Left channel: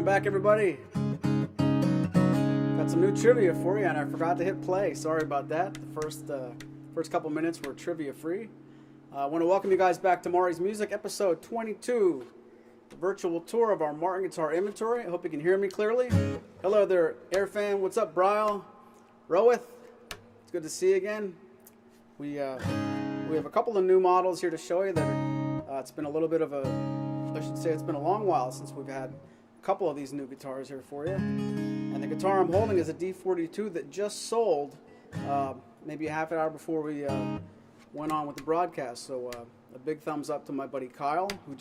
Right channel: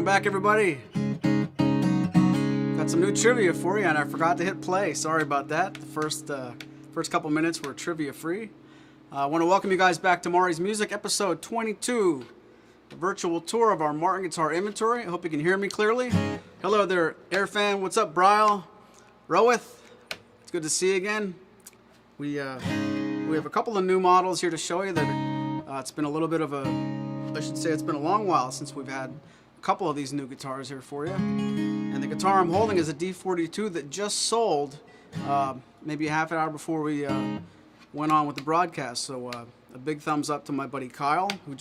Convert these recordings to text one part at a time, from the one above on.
Welcome back, everybody. Got some new trivia for you, and I forgot to hit play. Sorry about that. The first couple minutes were trivia free. I want to welcome you guys back to Maury's Music, episode 22, a virtual tour of our Martin guitar inventory. I hope you can hear me clearly. Hello there, Air Fan. What's up, Bryle? Roweth? It's good to see you again. We have a couple of new models here to show you that it's been a little bit of it's been a long while since we've had a couple of these new guitars here for you. And the guitar I'm holding is a D42 that just sold maybe a half an hour before we went on with the broadcast. So a big thumbs up to my buddy Kyle, who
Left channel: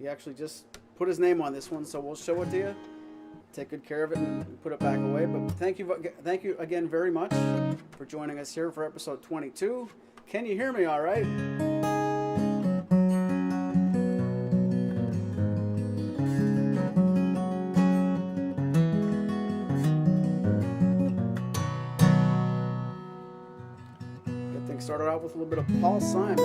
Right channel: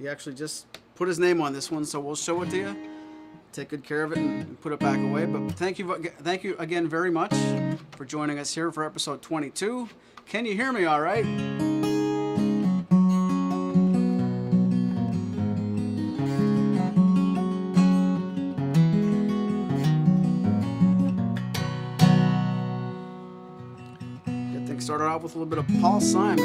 he actually just put his name on this one. So we'll show it to you, take good care of it, and put it back away. But thank you again very much for joining us here for episode 22. Can you hear me all right? Started off with a little bit of Paul Simon.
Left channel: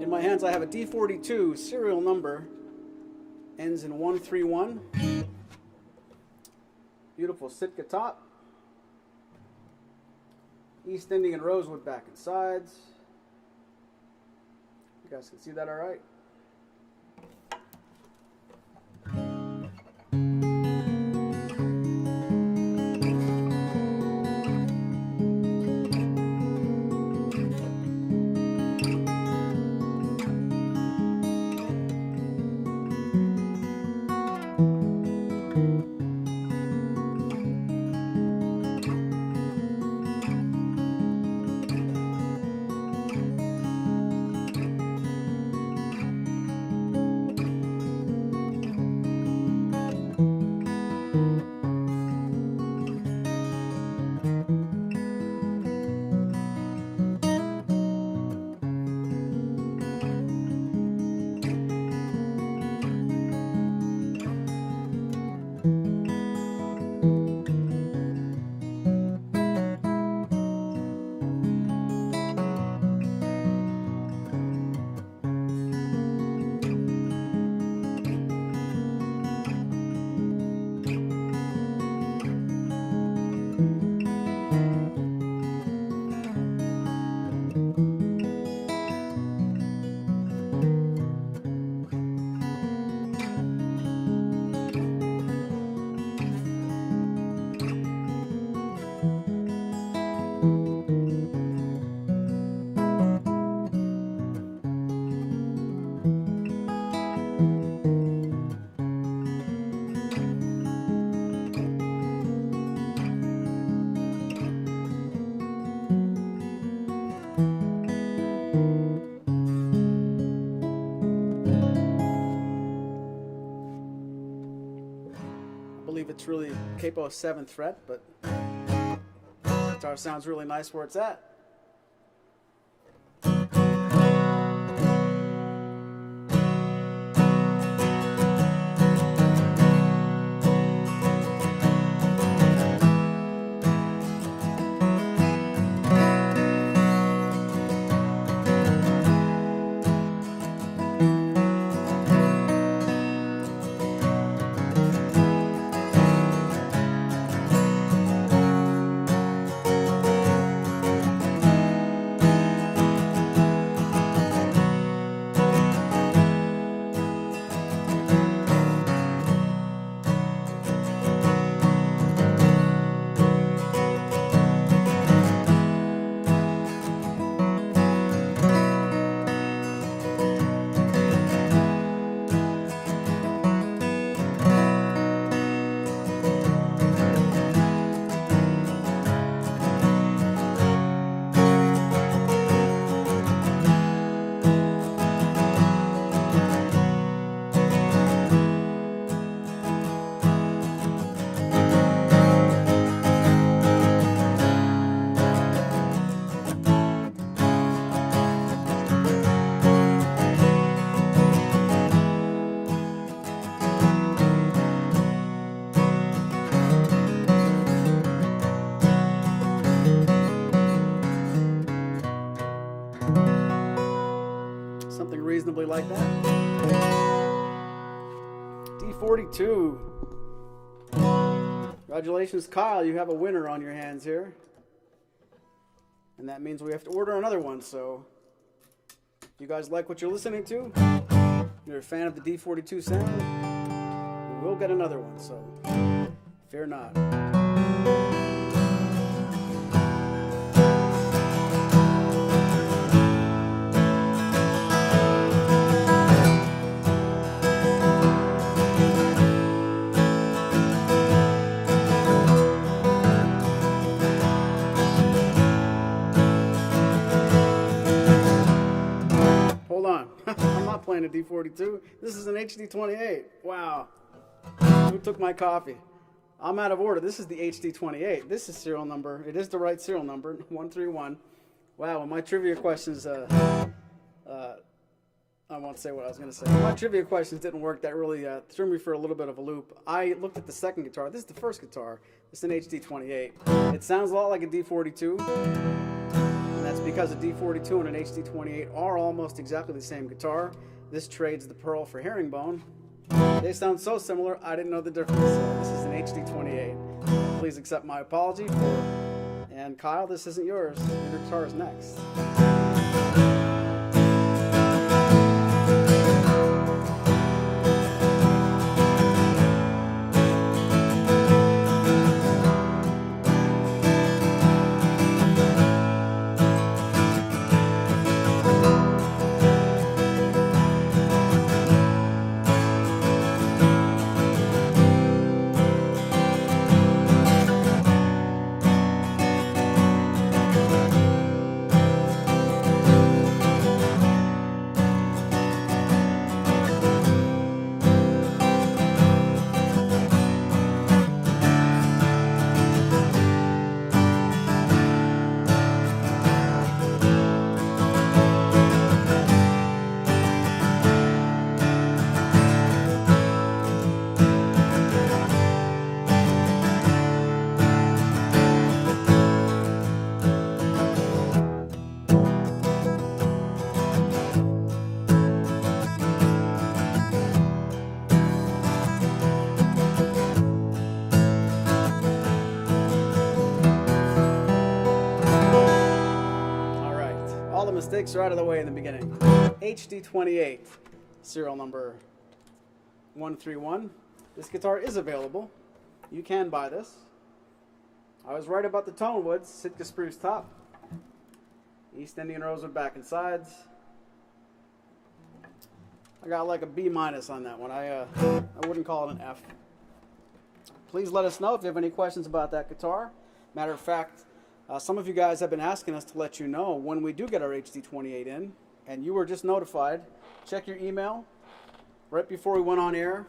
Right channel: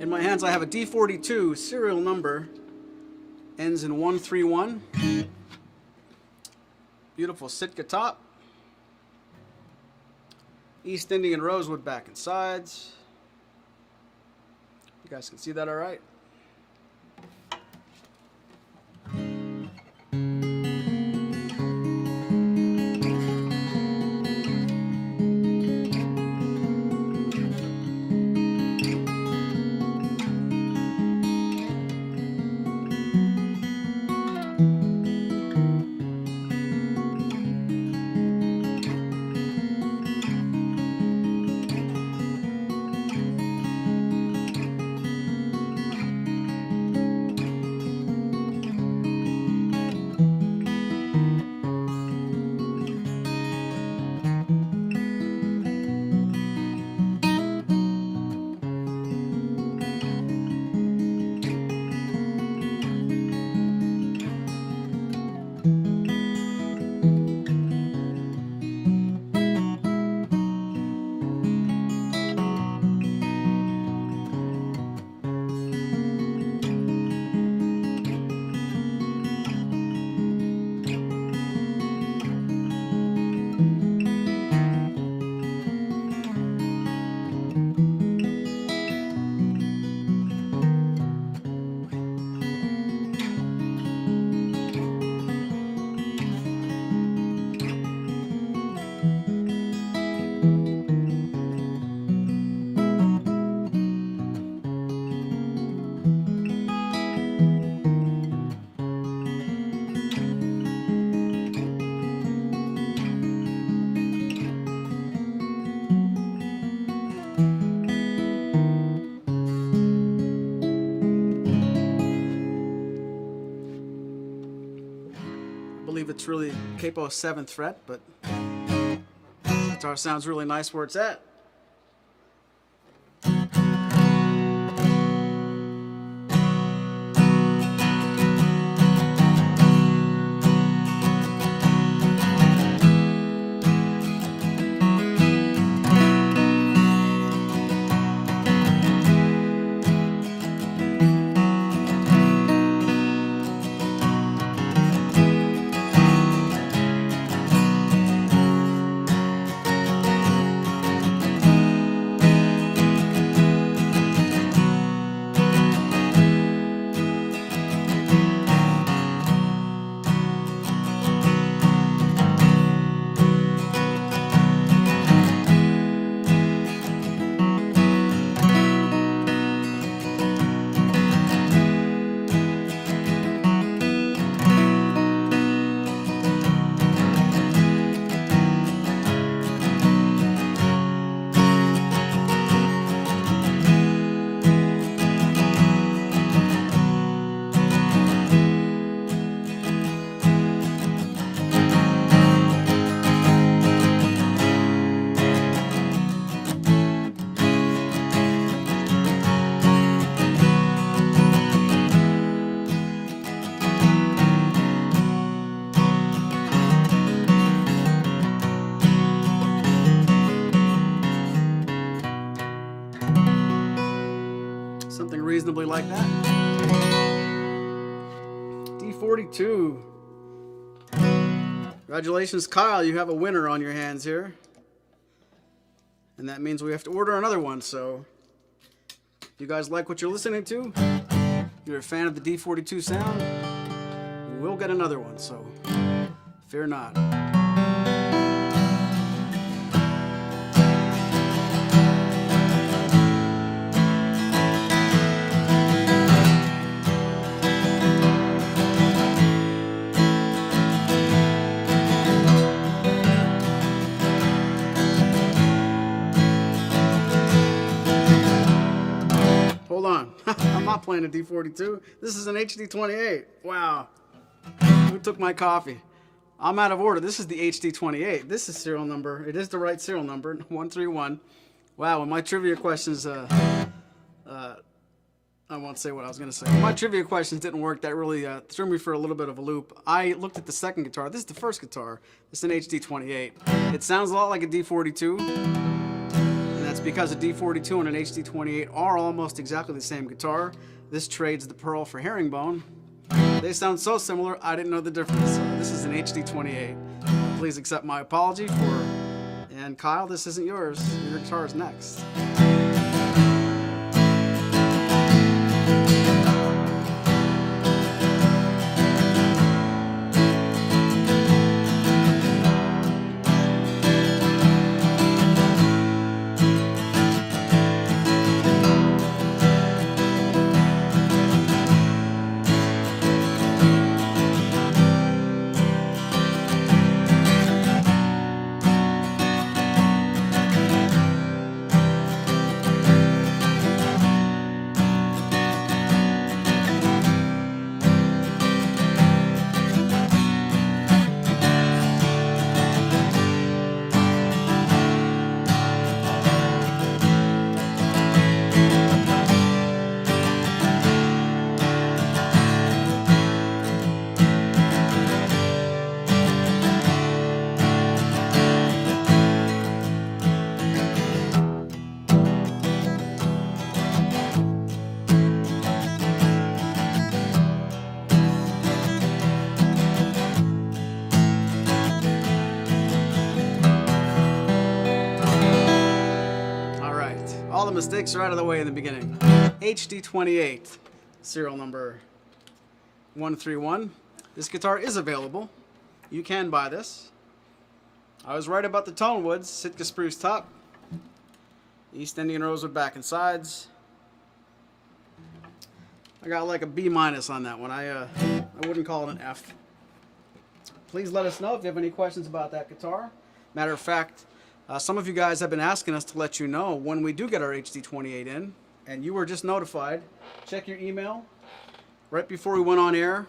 In my hands I have a D42 serial number, ends in 131. Beautiful Sitka top. East Indian rosewood back and sides. You guys can see that all right? I believe it's really capo 7th fret, but guitar sounds really nice where it's at. something reasonably like that. D42. Congratulations, Kyle. You have a winner on your hands here. And that means we have to order another one. So if you guys like what you're listening to, you're a fan of the D42 sound, we will get another one. So fear not. Hold on. I'm not playing a D42. This is an HD28. Wow. Who took my coffee? I'm out of order. This is the HD28. This is serial number. It is the right serial number, 131. Wow, when my trivia questions, I won't say what I was going to say. When my trivia questions didn't work, that really threw me for a little bit of a loop. I looked at the second guitar. This is the first guitar. It's an HD28. It sounds a lot like a D42. That's because a D42 and an HD28 are almost exactly the same guitar. This trades the pearl for herringbone. They sound so similar, I didn't know the difference. So this is an HD28. Please accept my apology for... And Kyle, this isn't yours. Your guitar is next. Mistakes are out of the way in the beginning. HD28, serial number 131. This guitar is available. You can buy this. I was right about the tone woods. Sitka spruce top, East Indian rosewood back and sides. I got like a B- on that one. I wouldn't call it an F. Please let us know if you have any questions about that guitar. Matter of fact, some of you guys have been asking us to let you know when we do get our HD28 in, and you were just notified. Check your email. Right before we went on air,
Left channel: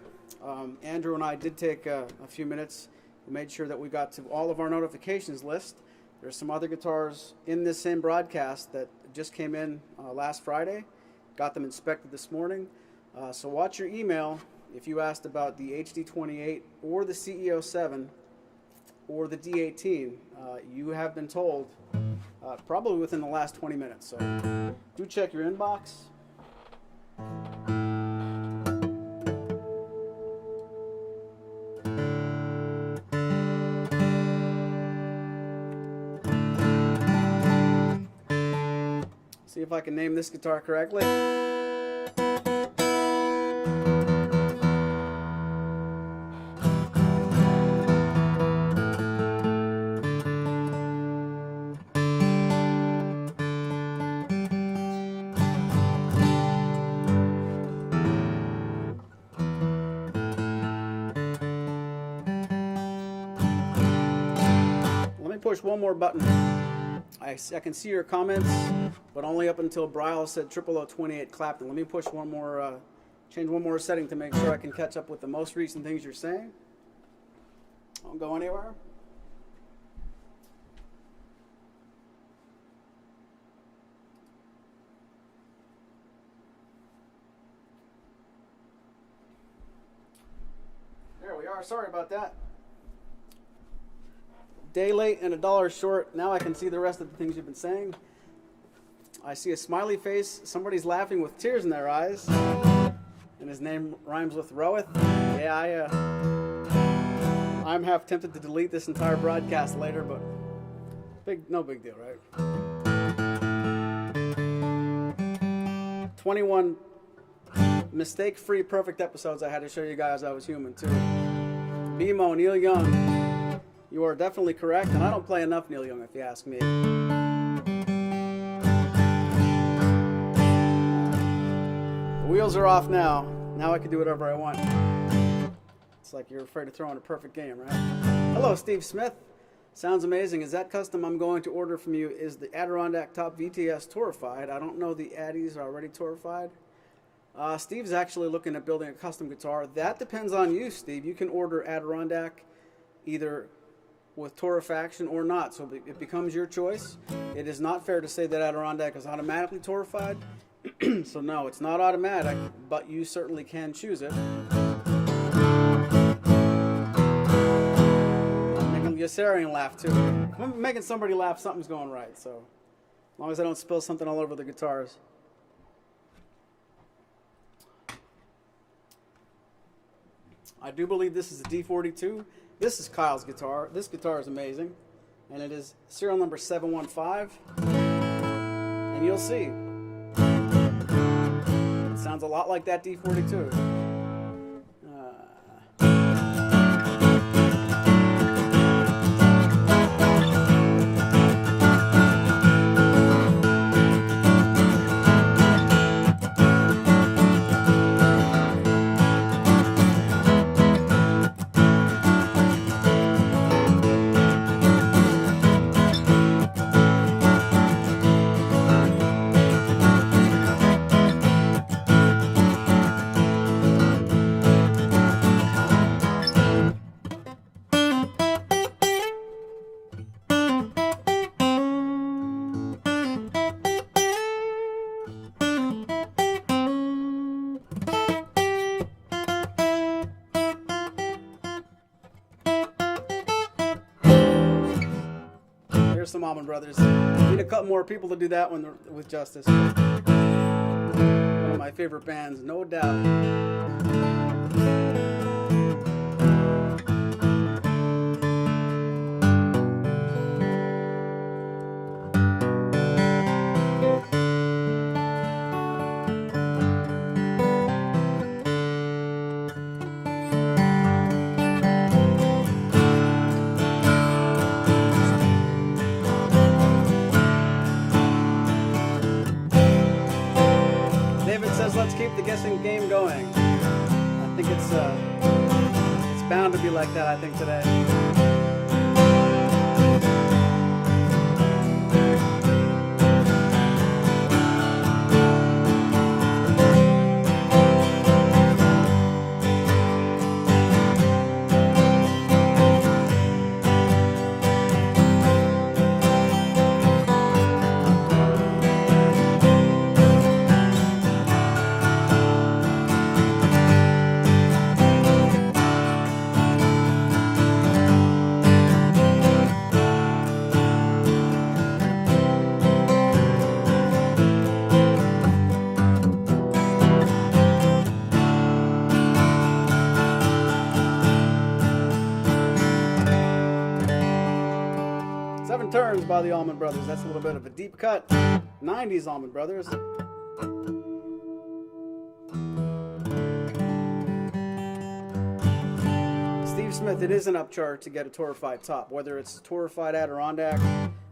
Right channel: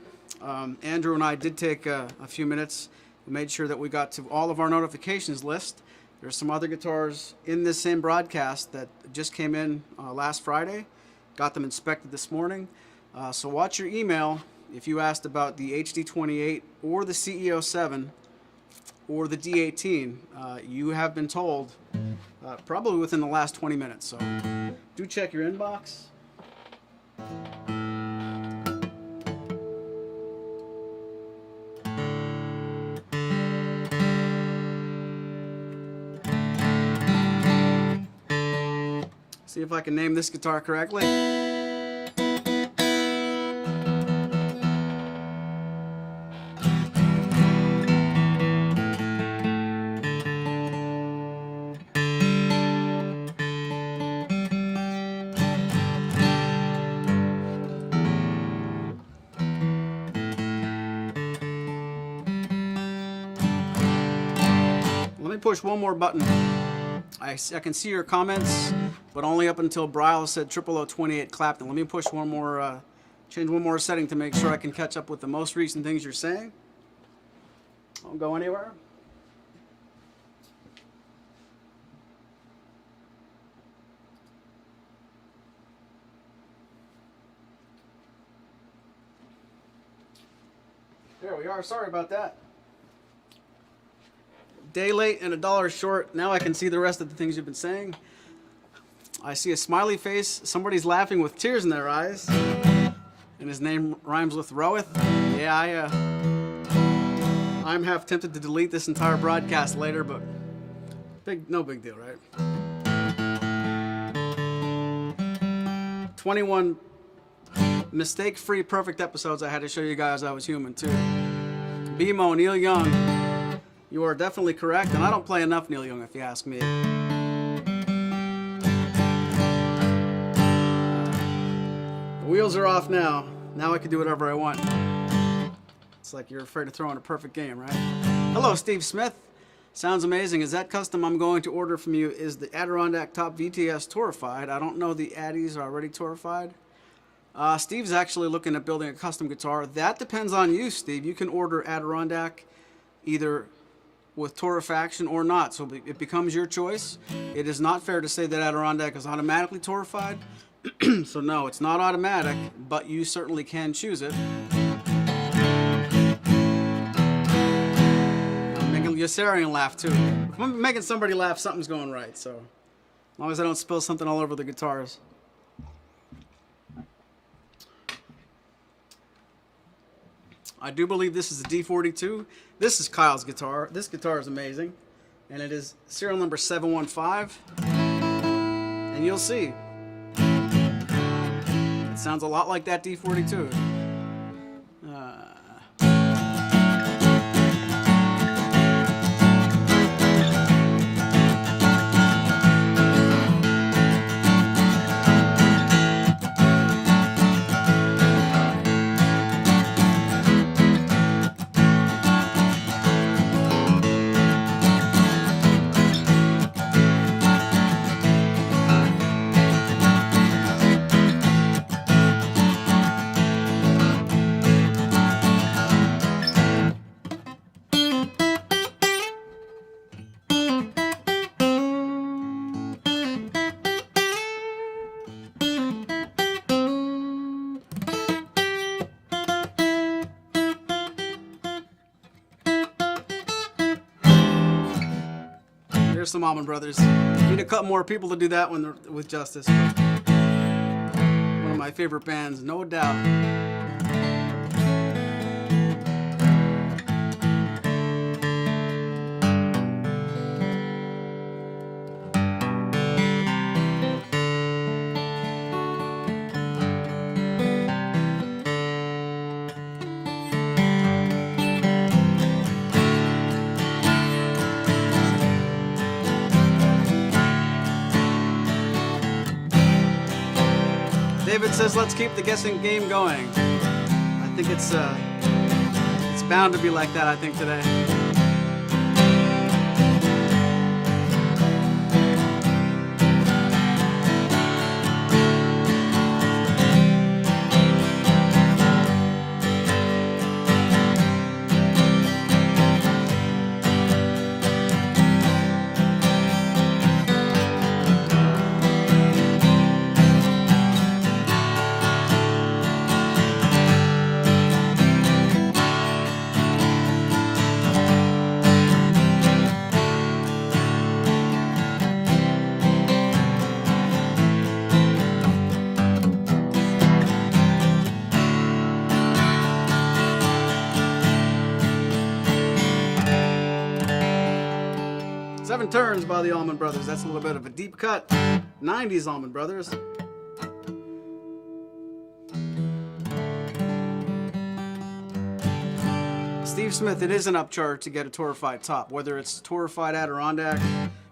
Andrew and I did take a few minutes. We made sure that we got to all of our notifications list. There's some other guitars in this same broadcast that just came in last Friday. Got them inspected this morning. So watch your email if you asked about the HD28 or the CEO7 or the D18. You have been told probably within the last 20 minutes. So do check your inbox. See if I can name this guitar correctly. Let me push one more button. I can see your comments, but only up until Bryle said 00028 Clapton. Let me push one more, change one more setting to make sure I can catch up with the most recent things you're saying. Don't go anywhere. There we are. Sorry about that. Day late and $1 short. Now I can see the rest of the things you've been saying. I see a smiley face. Somebody's laughing with tears in their eyes. And his name rhymes with Roeth. Yeah, I'm half tempted to delete this entire broadcast later, but no big deal, right? 21 mistake-free perfect episodes I had to show you guys I was human too. BMO, Neil Young, you are definitely correct, and I don't play enough Neil Young if you ask me. The wheels are off now. Now I can do whatever I want. It's like you're afraid to throw in a perfect game, right? Hello, Steve Smith. Sounds amazing. Is that custom I'm going to order from you is the Adirondack Top VTS Torrified? I don't know the Addies are already Torrified. Steve's actually looking at building a custom guitar. That depends on you, Steve. You can order Adirondack either with torrefaction or not, so it becomes your choice. It is not fair to say that Adirondack is automatically torrified. So no, it's not automatic, but you certainly can choose it. I'm making Yossarian laugh too. If I'm making somebody laugh, something's going right, so as long as I don't spill something all over the guitars. I do believe this is a D42. This is Kyle's guitar. This guitar is amazing, and it is serial number 715, and you'll see. It sounds a lot like that D42. There's some Allman Brothers. Need a couple more people to do that one with justice. One of my favorite bands, no doubt. David says, let's keep the guessing game going. I think it's bound to be like that, I think, today. Seven Turns by the Allman Brothers. That's a little bit of a deep cut. 90s Allman Brothers. Steve Smith, it is an upcharge to get a torrified top. Whether it's torrified Adirondack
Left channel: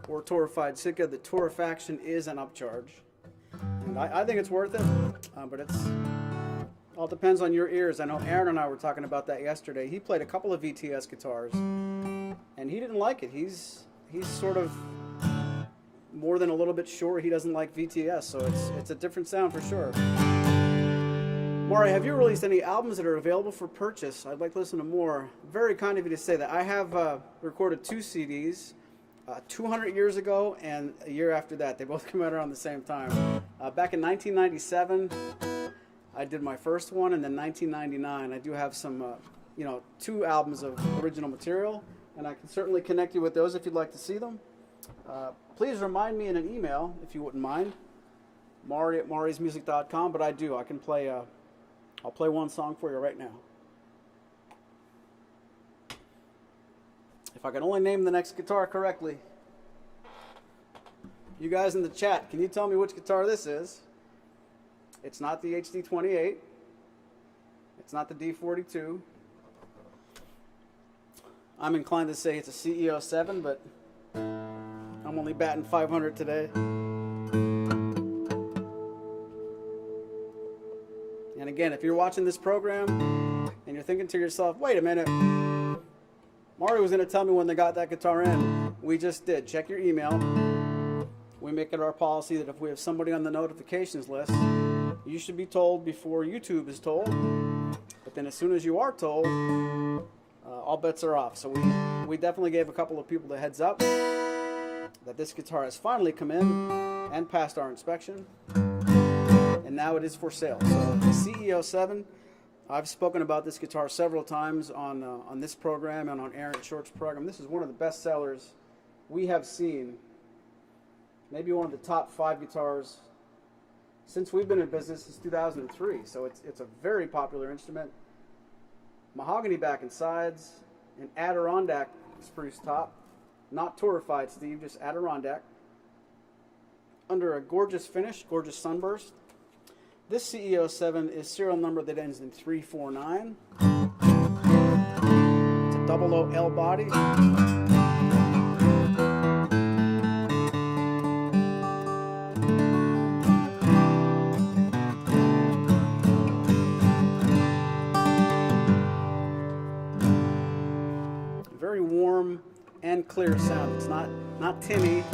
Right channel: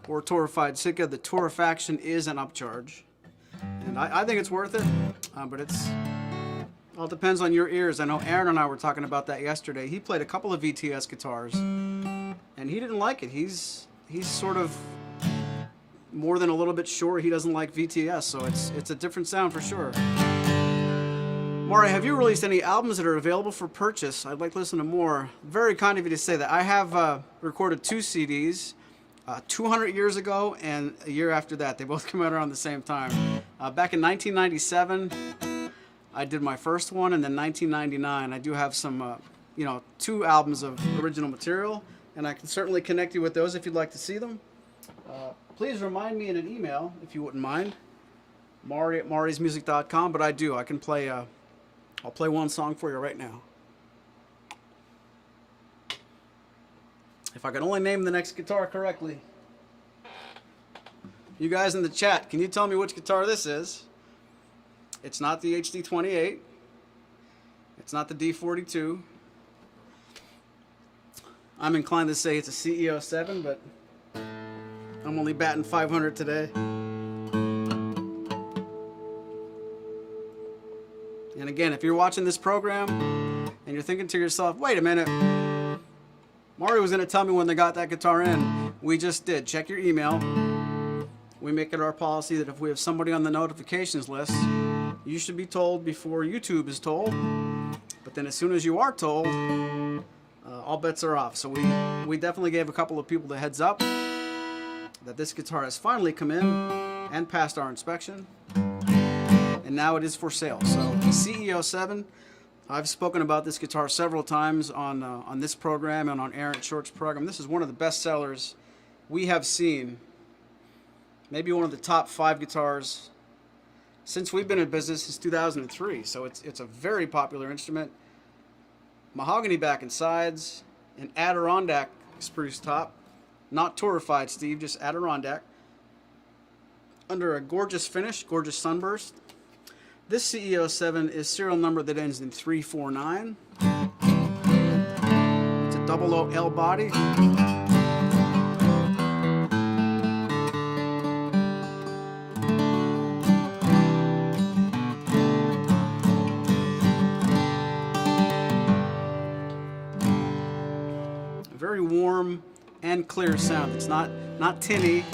or torrified Sitka, the torrefaction is an upcharge. And I think it's worth it, but it's all depends on your ears. I know Aaron and I were talking about that yesterday. He played a couple of VTS guitars, and he didn't like it. He's sort of more than a little bit sure he doesn't like VTS, so it's a different sound for sure. Maury, have you released any albums that are available for purchase? I'd like to listen to more. Very kind of you to say that. I have recorded 2 CDs, 200 years ago and a year after that. They both came out around the same time. Back in 1997, I did my first one, and then 1999, I do have some, 2 albums of original material. And I can certainly connect you with those if you'd like to see them. Please remind me in an email, if you wouldn't mind. Mari at marismusic.com, but I do. I can play, I'll play one song for you right now. If I can only name the next guitar correctly. You guys in the chat, can you tell me which guitar this is? It's not the HD28. It's not the D42. I'm inclined to say it's a XXII, but I'm only batting 500 today. And again, if you're watching this program and you're thinking to yourself, wait a minute, Mari was going to tell me when they got that guitar in. We just did. Check your email. We make it our policy that if we have somebody on the notifications list, you should be told before YouTube is told. But then as soon as you are told, all bets are off. So we definitely gave a couple of people the heads up that this guitar has finally come in and passed our inspection. And now it is for sale. So XXII, I've spoken about this guitar several times on this program and on Aaron Short's program. This is one of the best sellers we have seen. Maybe one of the top 5 guitars since we've been in business since 2003. So it's a very popular instrument. Mahogany back and sides, an Adirondack spruce top. Not torrefied, Steve, just Adirondack. Under a gorgeous finish, gorgeous sunburst. This XXII is serial number that ends in 349. It's a 00 L body. Very warm and clear sound. It's not tinny,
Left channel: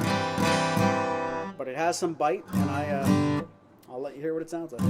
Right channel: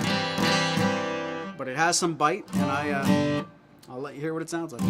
but it has some bite, and I'll let you hear what it sounds like.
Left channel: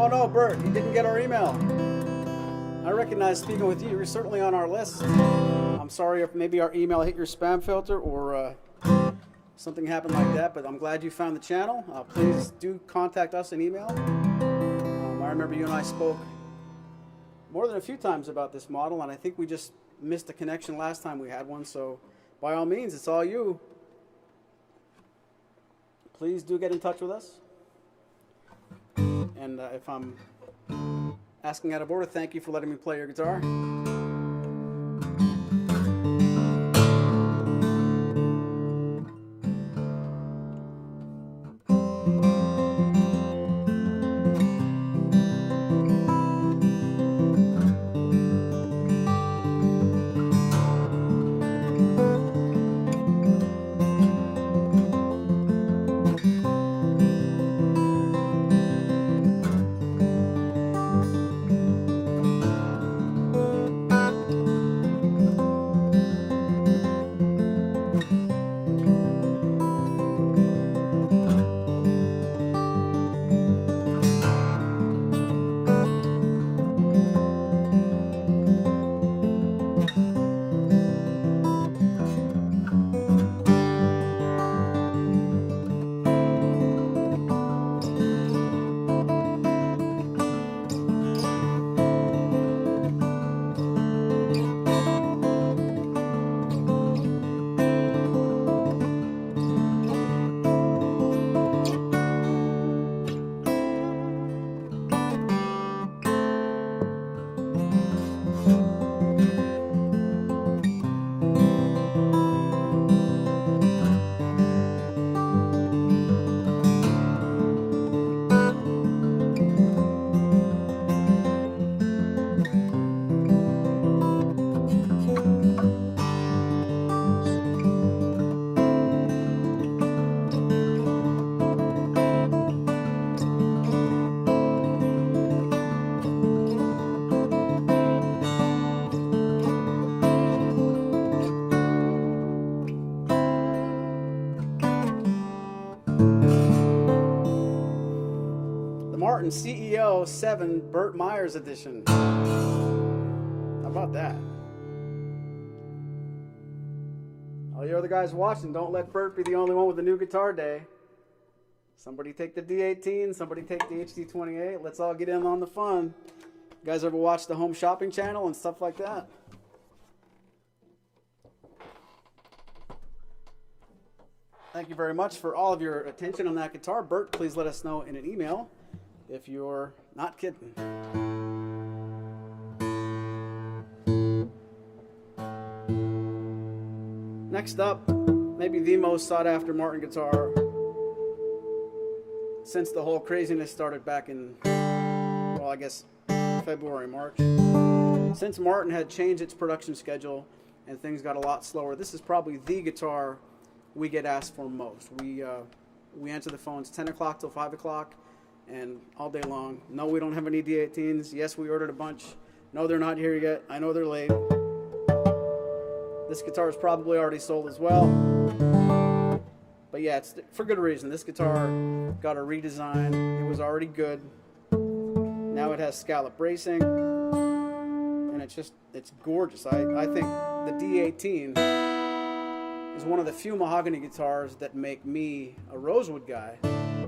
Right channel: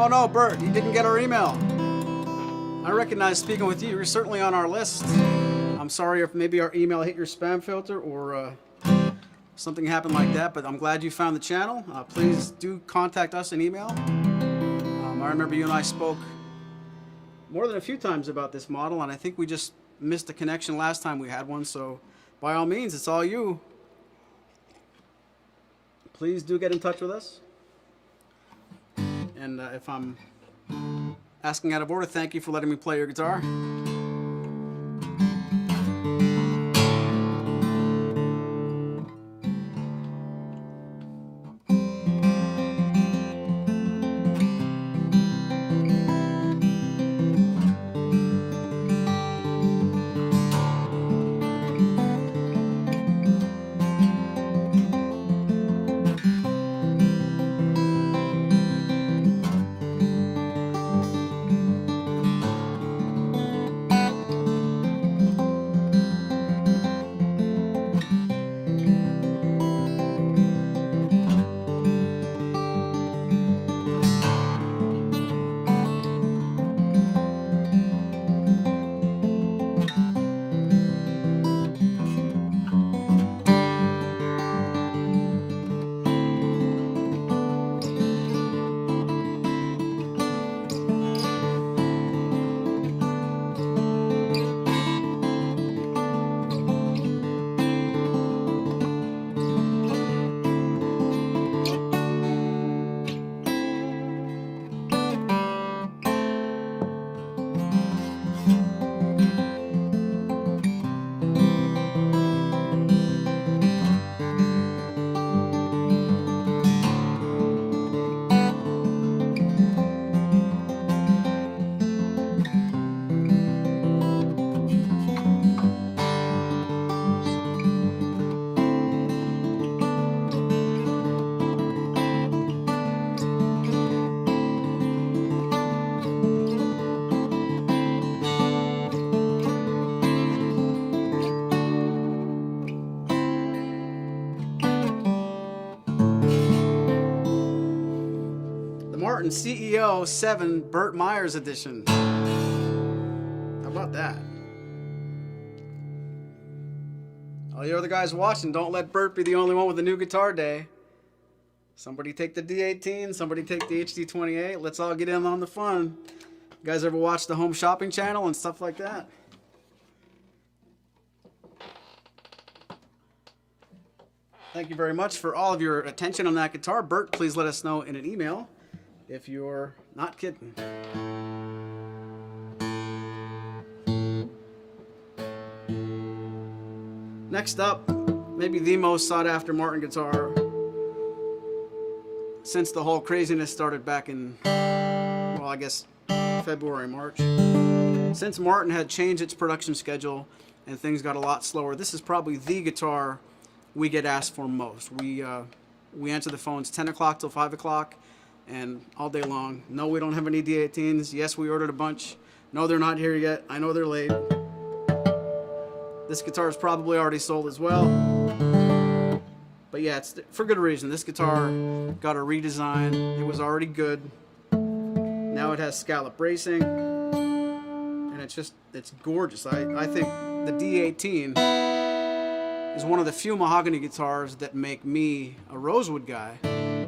Oh no, Bert, you didn't get our email. I recognize speaking with you. You're certainly on our list. I'm sorry if maybe our email hit your spam filter or something happened like that, but I'm glad you found the channel. Please do contact us in email. I remember you and I spoke more than a few times about this model, and I think we just missed a connection last time we had one, so by all means, it's all you. Please do get in touch with us. And if I'm asking out of order, thank you for letting me play your guitar. The Martin CEO 7 Burt Myers edition. How about that? All you other guys watching, don't let Burt be the only one with a new guitar day. Somebody take the D18, somebody take the HD28. Let's all get in on the fun. You guys ever watch the Home Shopping Channel and stuff like that? Thank you very much for all of your attention on that guitar. Burt, please let us know in an email if you're not kidding. Next up, maybe the most sought after Martin guitar since the whole craziness started back in, well, I guess February, March. Since Martin had changed its production schedule and things got a lot slower, this is probably the guitar we get asked for most. We answer the phones 10 o'clock till 5 o'clock and all day long. No, we don't have any D18s. Yes, we ordered a bunch. No, they're not here yet. I know they're late. This guitar is probably already sold as well. But yeah, it's for good reason. This guitar got a redesign. It was already good. Now it has scallop bracing. And it's gorgeous. I think the D18 is one of the few mahogany guitars that make me, a rosewood guy,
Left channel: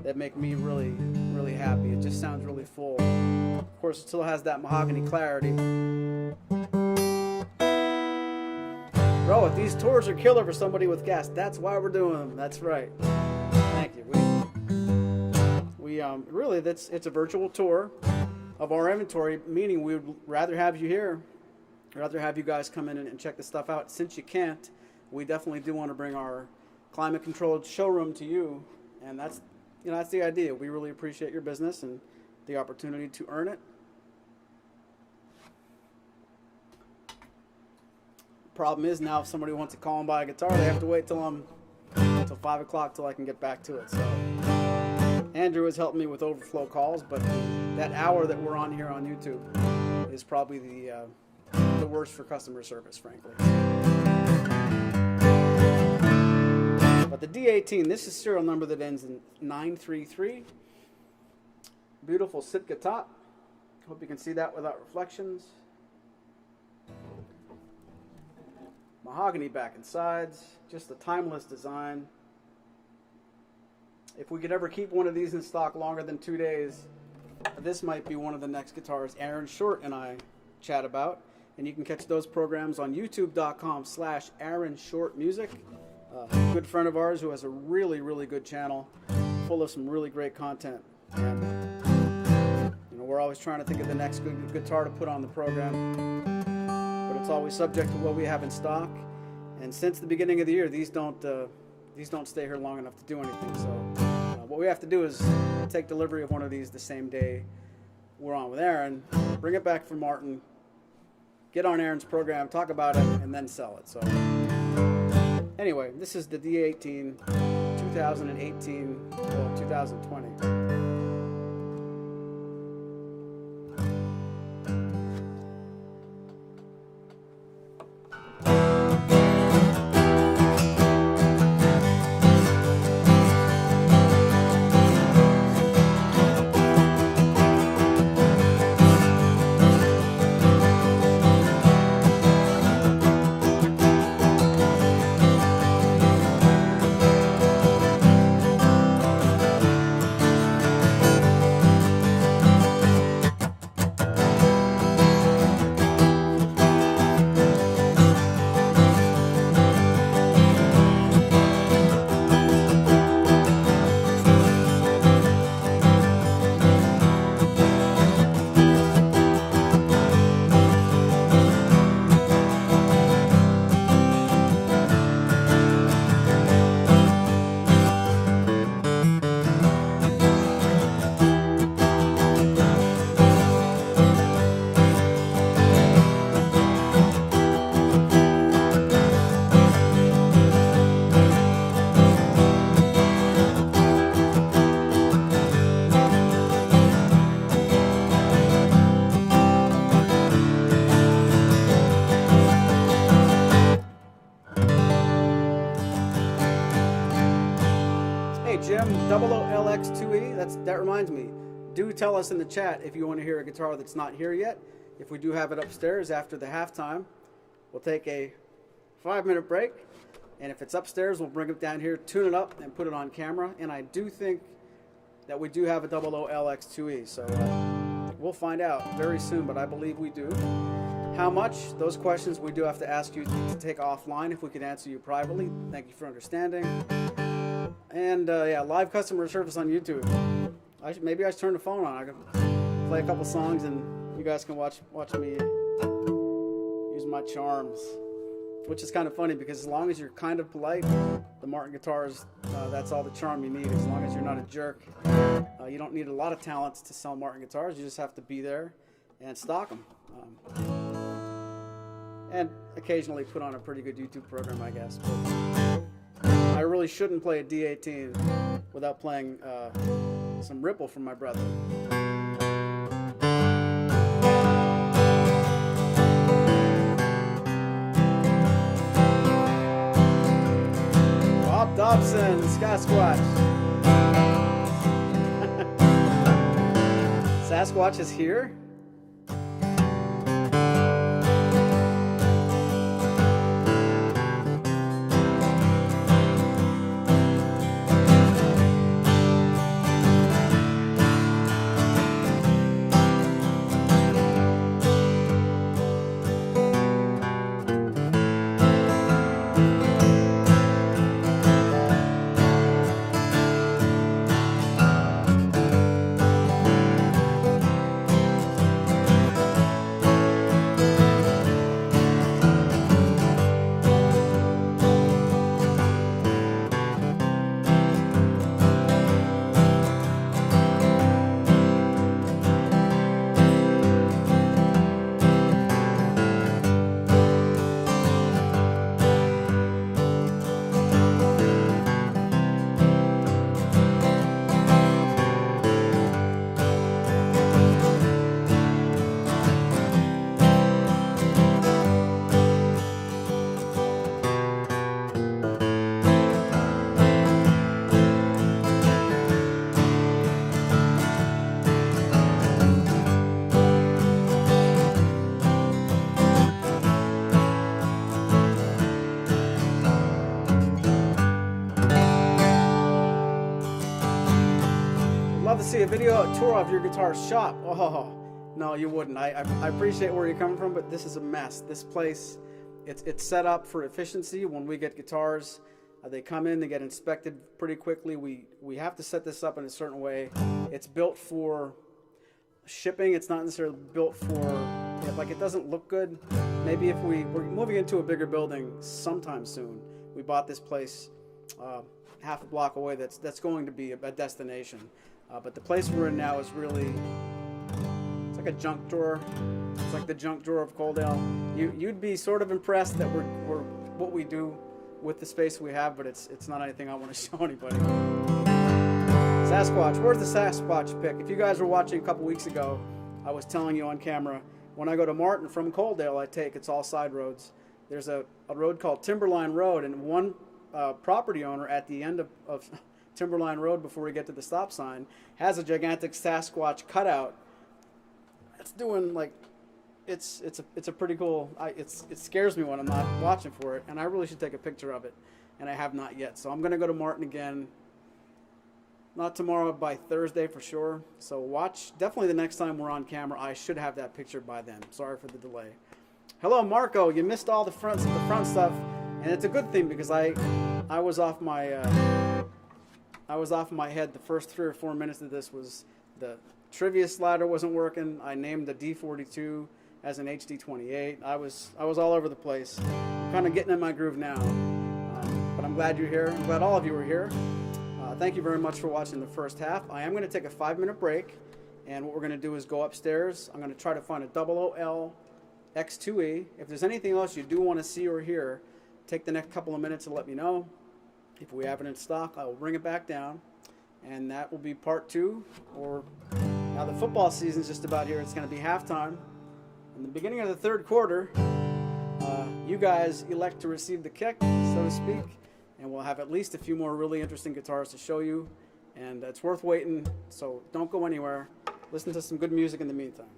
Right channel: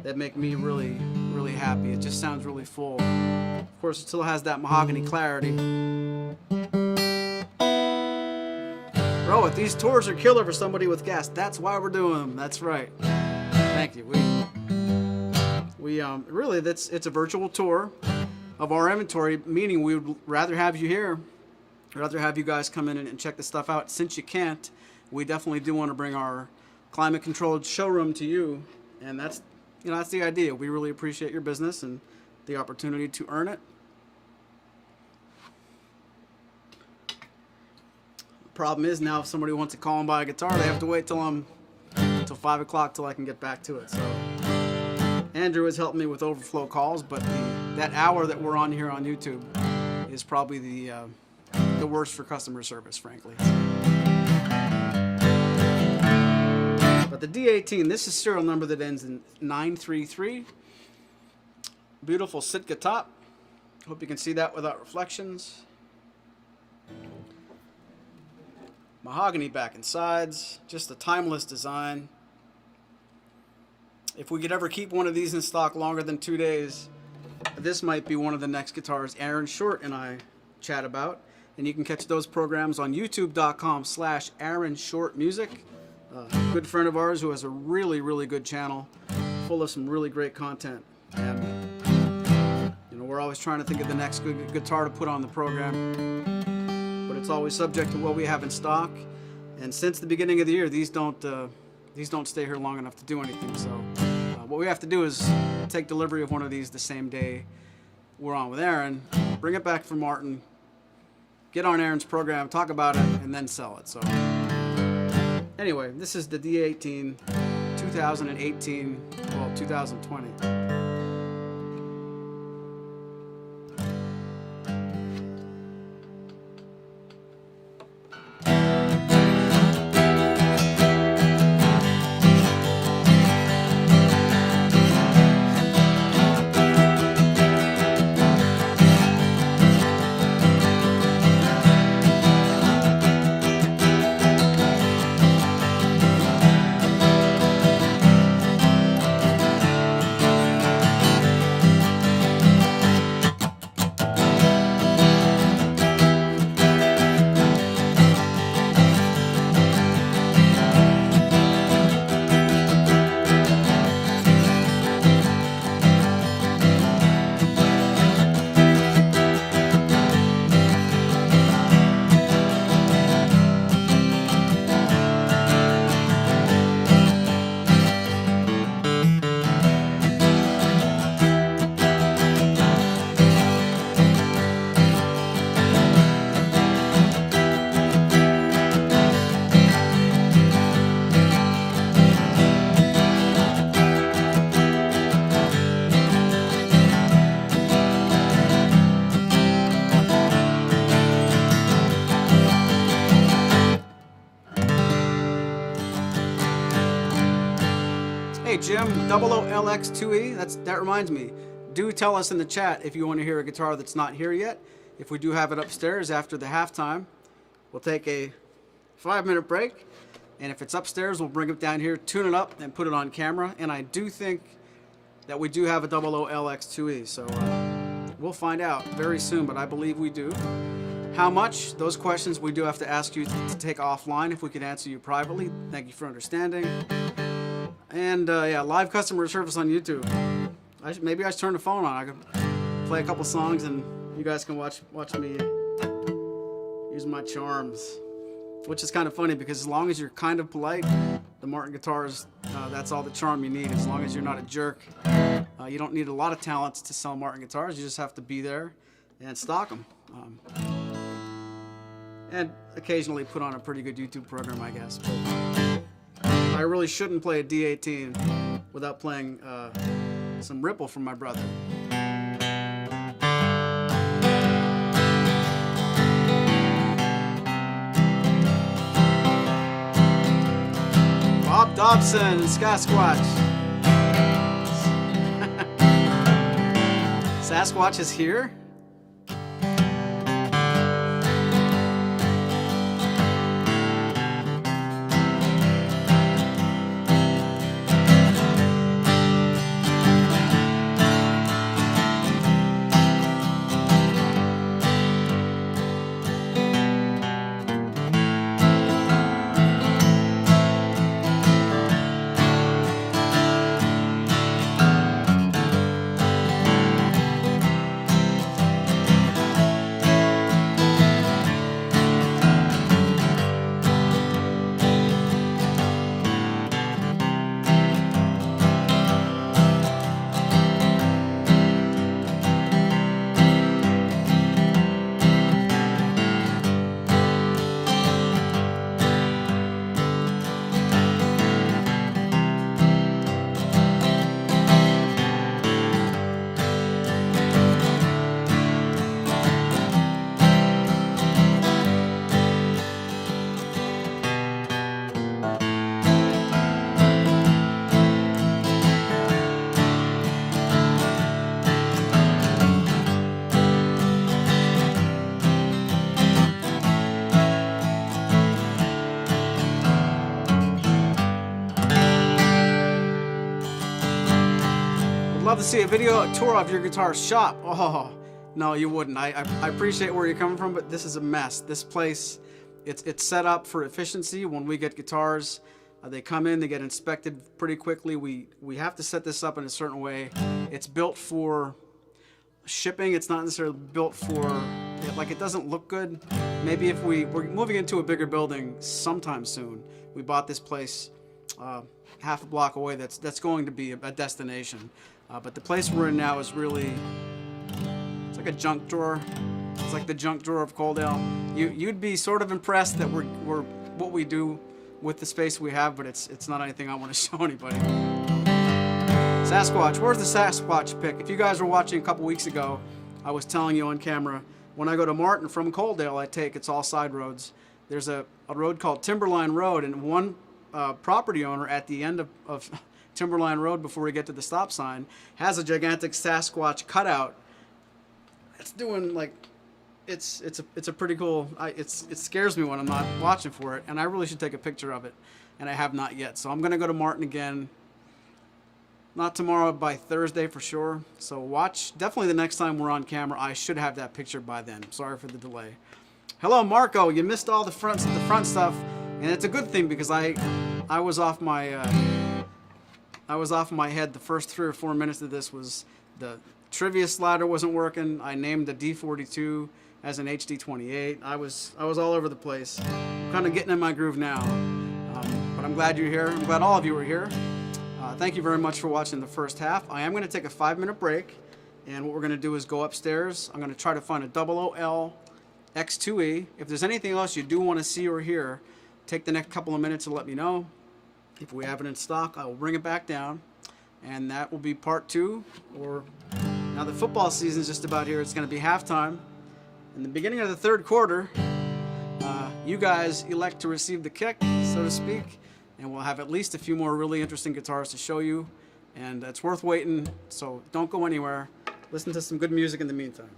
that make me really, really happy. It just sounds really full. Of course, it still has that mahogany clarity. Bro, if these tours are killer for somebody with gas, that's why we're doing them. That's right. Thank you. Really, it's a virtual tour of our inventory, meaning we would rather have you here, rather have you guys come in and check the stuff out. Since you can't, we definitely do want to bring our climate-controlled showroom to you, and that's the idea. We really appreciate your business and the opportunity to earn it. Problem is now if somebody wants to call and buy a guitar, they have to wait till 5 o'clock till I can get back to it. So Andrew has helped me with overflow calls, but that hour that we're on here on YouTube is probably the worst for customer service, frankly. But the D18, this is serial number that ends in 933. Beautiful Sitka top. Hope you can see that without reflections. Mahogany back and sides, just a timeless design. If we could ever keep one of these in stock longer than 2 days, this might be one of the next guitars Aaron Short and I chat about. And you can catch those programs on youtube.com/AaronShortMusic. A good friend of ours who has a really, really good channel full of some really great content. And we're always trying to think of the next good guitar to put on the program. But it's always subject to what we have in stock. And since the beginning of the year, these don't stay here long enough to do anything. So what we have to do is take delivery of one of these the same day we're on with Aaron, bring it back from Martin, get on Aaron's program, talk about it, and then sell it. So anyway, this is the D18 2018, well, 2020. Jim, 00LX2E, that reminds me, do tell us in the chat if you want to hear a guitar that's not here yet. If we do have it upstairs after the halftime, we'll take a 5-minute break. And if it's upstairs, we'll bring it down here, tune it up, and put it on camera. And I do think that we do have a XXII X2E. So we'll find out very soon, but I believe we do. How much? Those questions we do have to ask you to take offline if we can answer you privately. Thank you for understanding. And yeah, live customer service on YouTube. Maybe I should turn the phone on. I could play a couple songs and you guys can watch me use my charms. Which is kind of funny because as long as you're kind of polite, the Martin guitars, that's all the charm you need. As long as you're not a jerk. You don't need a lot of talents to sell Martin guitars. You just have to be there and stock them. And occasionally put on a pretty good YouTube program, I guess. But I really shouldn't play a D18 without playing some Ripple from my brother. Bob Dobson, Sasquatch. Sasquatch is here? Love to see a video, a tour of your guitar shop. Oh, no, you wouldn't. I appreciate where you're coming from, but this is a mess. This place, it's set up for efficiency. When we get guitars, they come in, they get inspected pretty quickly. We have to set this up in a certain way. It's built for shipping. It's not necessarily built for, like, it doesn't look good. Maybe if we're moving into a bigger building sometime soon. We bought this place half a block away. That's going to be a destination. But the place we're in now is really, it's like a junk drawer. It's like the junk drawer of Coaldale. You'd be sort of impressed that we're what we do with the space we have, but it's not anything I want to show anybody. Sasquatch, where's the Sasquatch pick? If you guys were watching a couple weeks ago, I was telling you on camera, when I go to Martin from Coaldale, it's all side roads. There's a road called Timberline Road, and one property owner at the end of Timberline Road before we get to the stop sign has a gigantic Sasquatch cutout. It's doing like, it's a pretty cool. It scares me when I'm not watching for it, and I really should take a picture of it, and I have not yet. So I'm gonna go to Martin again. Not tomorrow, by Thursday for sure. So watch. Definitely the next time we're on camera, I should have that picture by then. Sorry for the delay. Hello, Marco. You missed all the front stuff, and it's a good thing because I was off my head. The first 3 or 4 minutes of this was the trivia slider wasn't working. I named the D42 as an HD28. I was all over the place. I'm kind of getting in my groove now, but I'm glad you're here. I'm glad all of you are here. Thank you very much for watching the first half. I am going to take a 5-minute break, and what we're going to do is go upstairs. I'm going to try to find a XXII X2E. If there's anything else you do want to see or hear, take the next couple of minutes to let me know. If we have it in stock, I will bring it back down, and that will be part 2. Or now the football season is just about here. It's going to be halftime. In the beginning of the third quarter, you guys elect to receive the kick, so to speak. And we'll have at least a few more really interesting guitars to show you. And it's worth waiting, so don't go anywhere. listen to some good music in the meantime.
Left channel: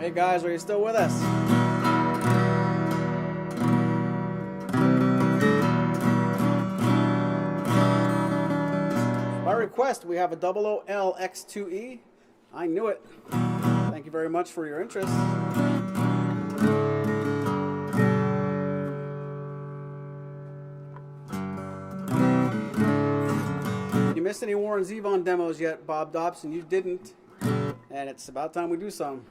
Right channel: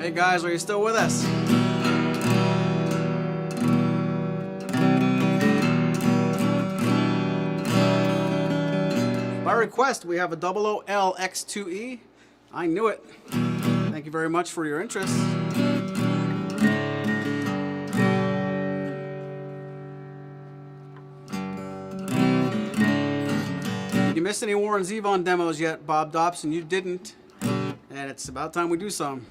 Hey guys, are you still with us? By request, we have a 00L X2E. I knew it. Thank you very much for your interest. Did you miss any Warren Zevon demos yet, Bob Dobson? You didn't. And it's about time we do some.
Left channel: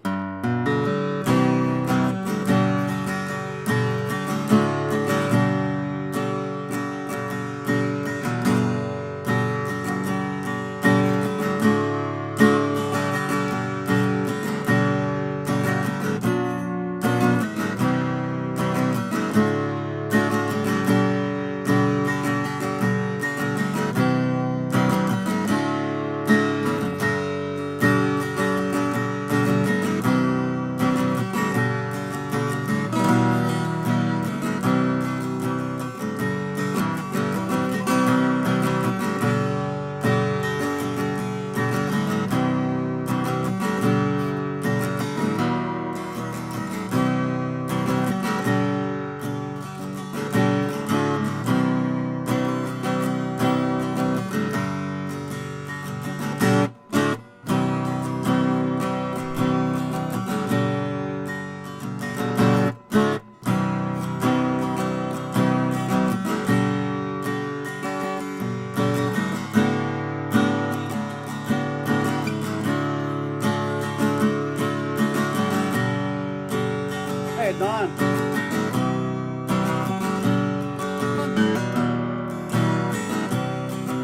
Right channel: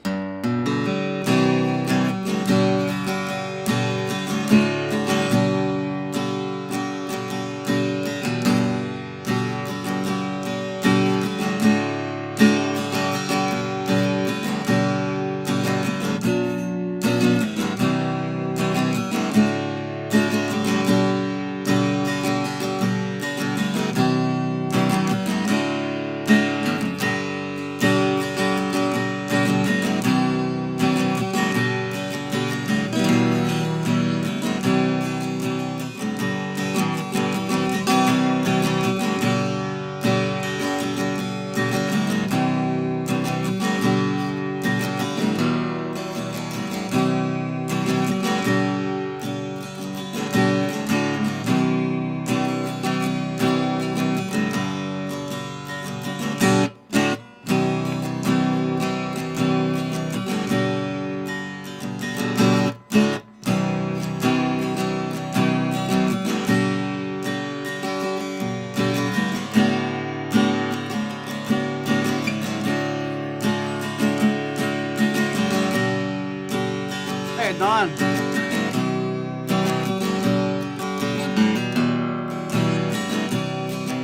Hey, Don.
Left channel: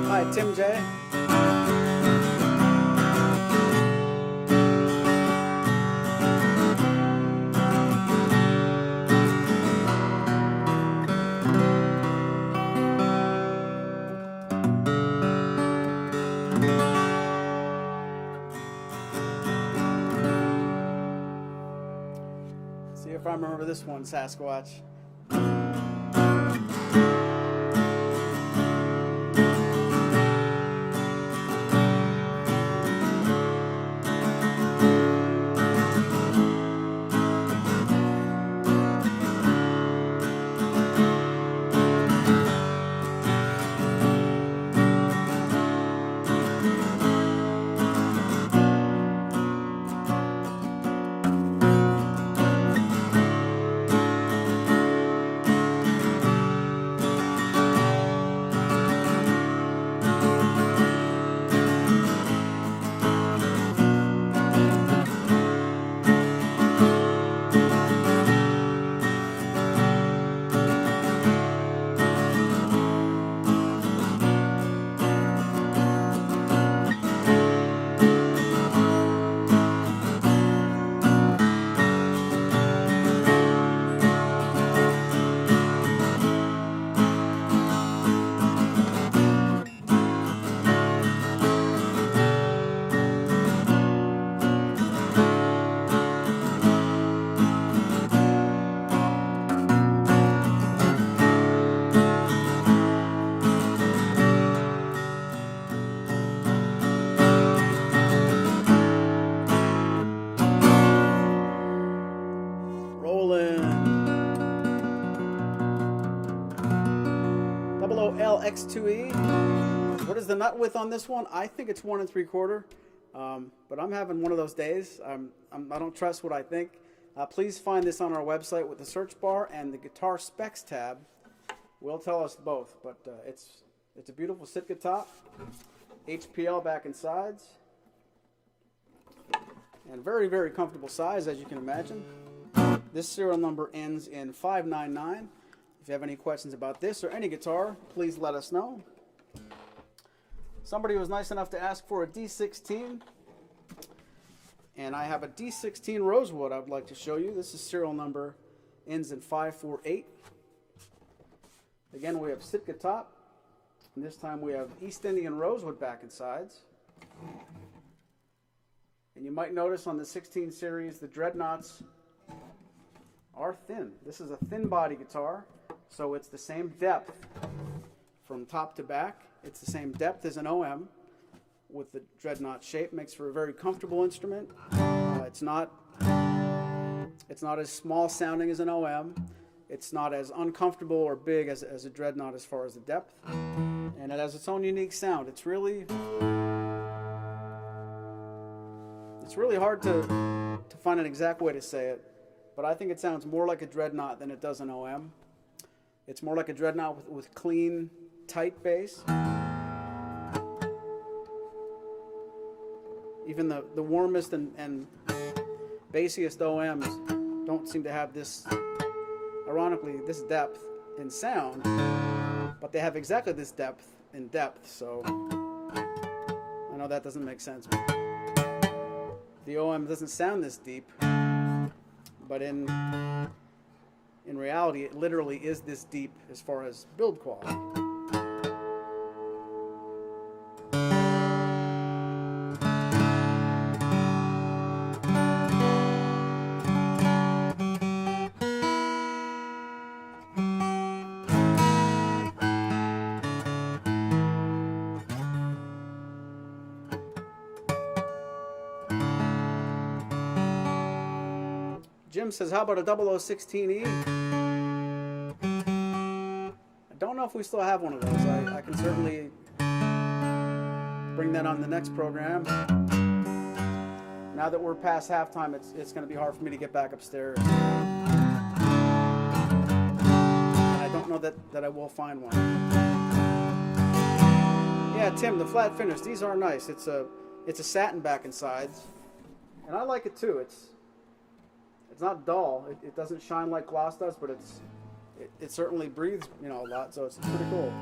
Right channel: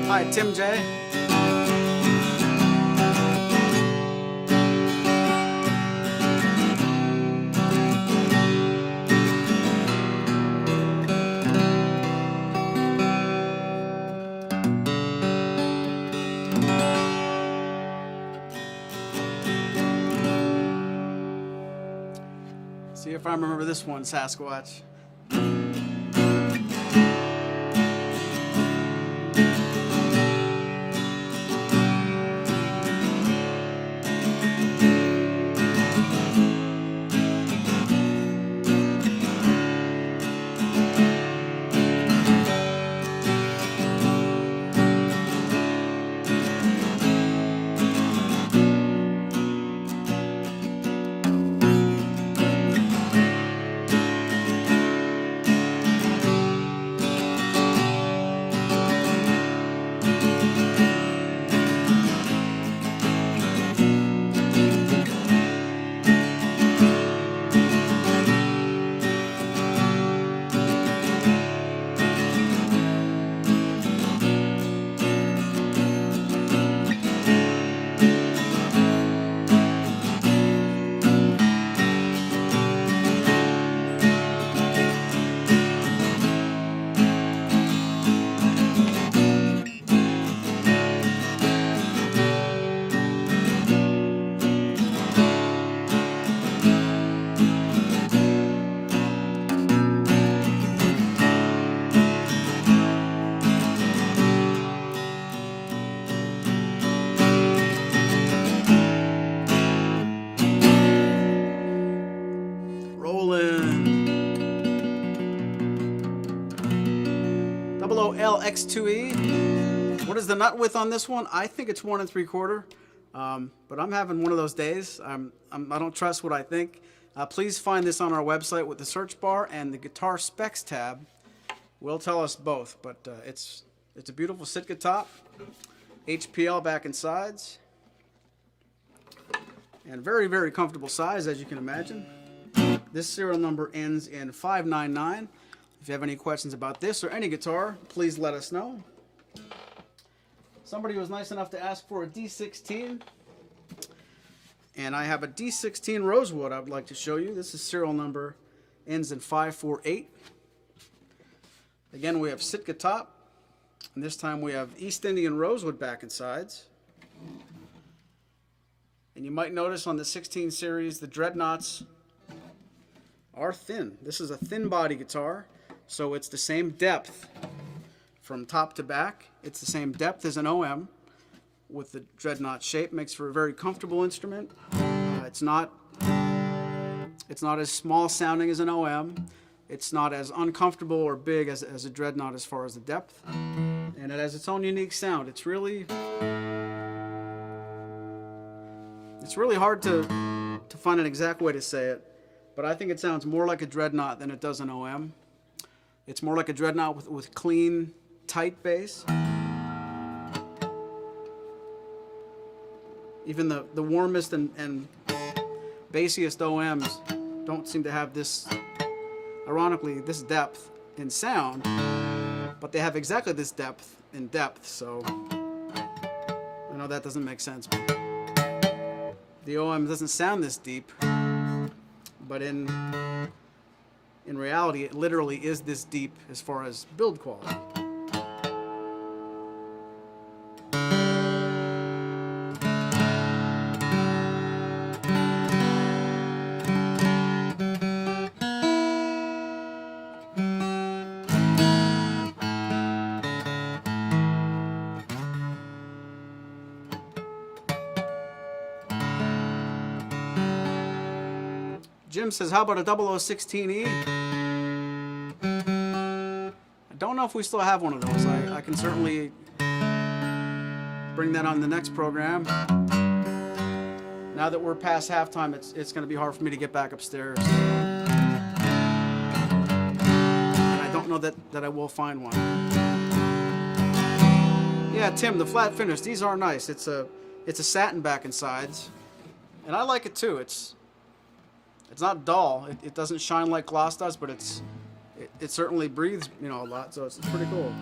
Hi, Tim J. See if I remember this one, Sasquatch. Roland. 00L X2E. What is the nut width on this one? I think it's 1 3/4. But I'm having one of those days. I don't trust what I think. Please find this on our website with the search bar and the guitar specs tab. Will tell us both, but it's a beautiful Sitka top, HPL back and sides, and very, very comfortable size, as you can imagine. This serial number ends in 599. If you have any questions about this or any guitar, please let us know. Somebody was nice enough to ask for a D16, and I have a D16 Rosewood I would like to show you. This is serial number ends in 548. Again, we have Sitka top, and this time we have East Indian Rosewood back and sides. And you might notice on the 16 series, the dreadnoughts are thin. This is a thin body guitar, so it's the same depth from top to back. It's the same depth as an OM with the dreadnought shape. Makes for a very comfortable instrument. It's not It's not as small sounding as an OM. It's not as uncomfortable or big as a dreadnought as far as the depth. And it has its own unique sound. It's really hard to find an exact way to say it, but I think it sounds more like a dreadnought than it does an OM. It's more like a dreadnought with clean, tight bass. Even the warmest and bassiest OMs don't seem to have this, ironically, this depth in sound, but they have exactly this depth in depth, so I know that doesn't make sense. But the OM doesn't sound this deep, but in reality, it literally is this deep as far as build quality. Jim says, how about a 0016E? I don't know if we still have one of those. I can certainly bring that on the next program. Now that we're past halftime, it's going to be hard for me to get back upstairs. And I don't know that I will find one. Yeah, Tim, the flat finish, these are nice. It's a satin back and sides. And I like it too. It's not dull. It doesn't shine like gloss does, but it certainly breathes, a lot. So it's pretty cool.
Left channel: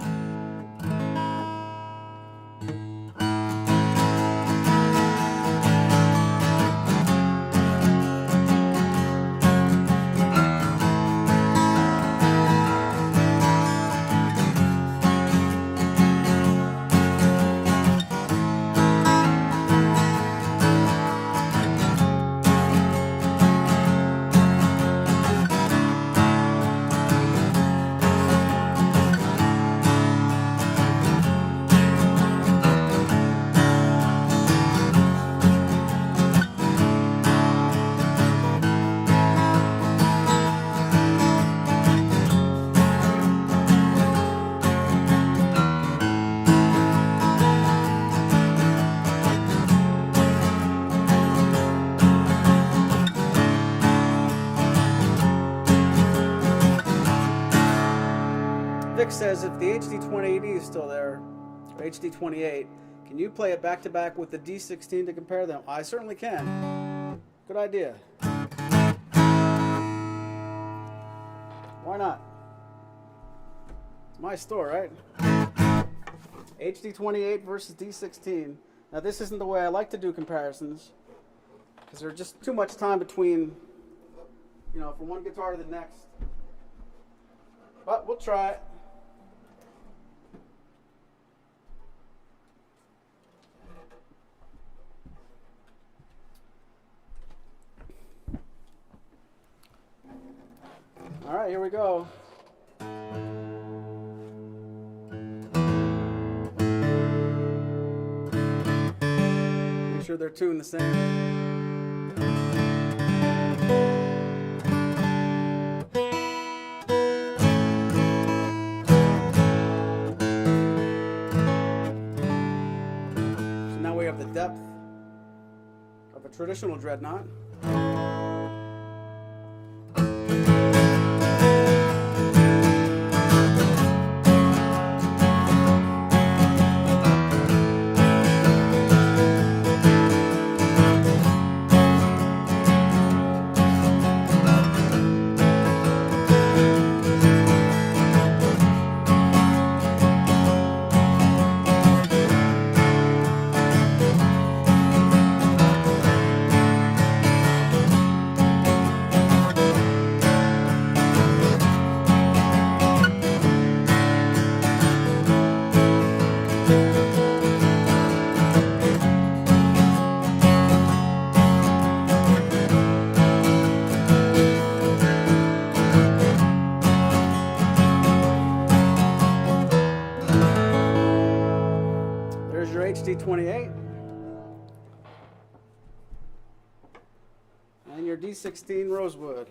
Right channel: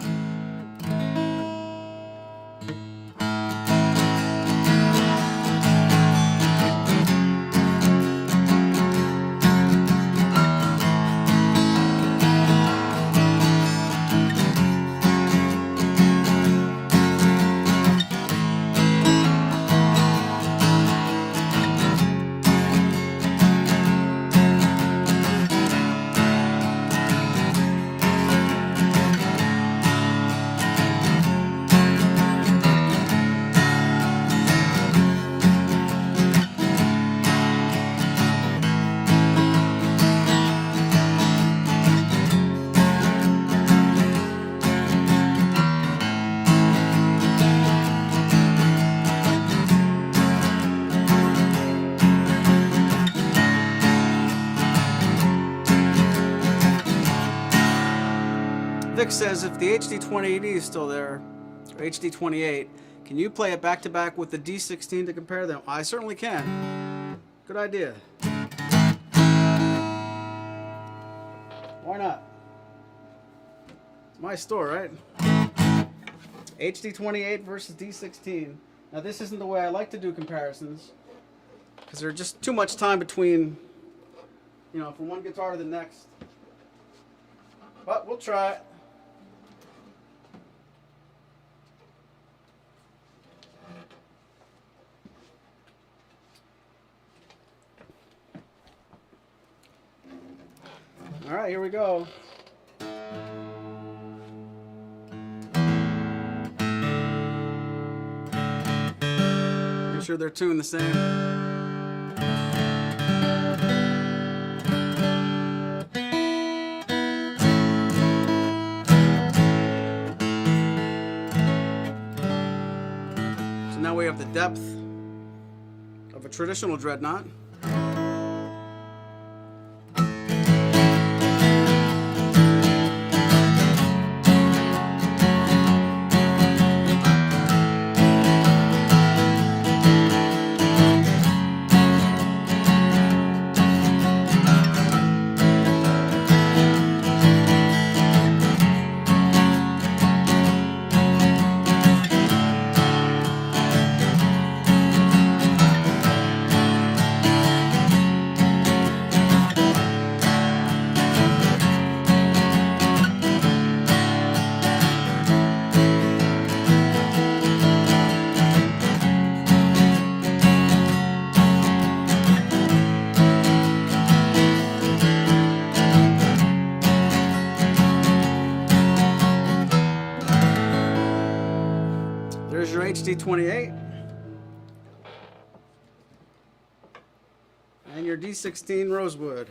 Vic says, if the HD28E is still there, or HD28, can you play it back to back with the D16 to compare them? I certainly can. Good idea. Why not? It's my store, right? HD28 versus D16. Now this isn't the way I like to do comparisons, because there's just too much time between, from one guitar to the next. But we'll try it. All right, here we go. Make sure they're tuned the same. So now we have the depth of a traditional dreadnought. There's your HD28. And your D16 Rosewood.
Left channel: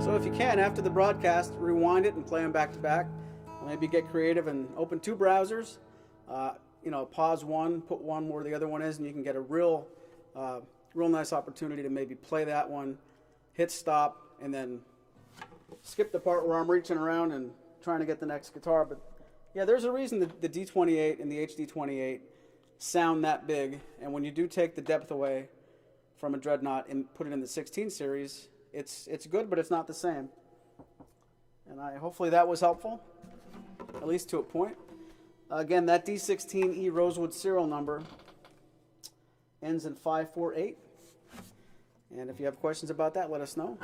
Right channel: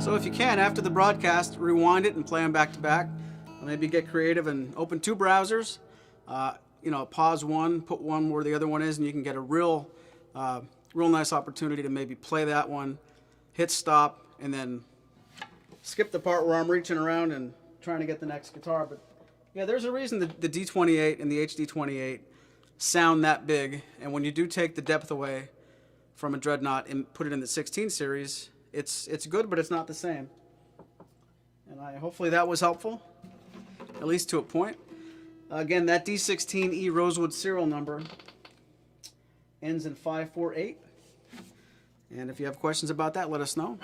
So if you can, after the broadcast, rewind it and play them back to back. Maybe get creative and open two browsers. Pause one, put one where the other one is, and you can get a real nice opportunity to maybe play that one, hit stop, and then skip the part where I'm reaching around and trying to get the next guitar. But yeah, there's a reason the D28 and the HD28 sound that big. And when you do take the depth away from a Dreadnought and put it in the 16 series, it's good, but it's not the same. And hopefully that was helpful, at least to a point. Again, that D16E Rosewood serial number ends in 548. And if you have questions about that, let us know.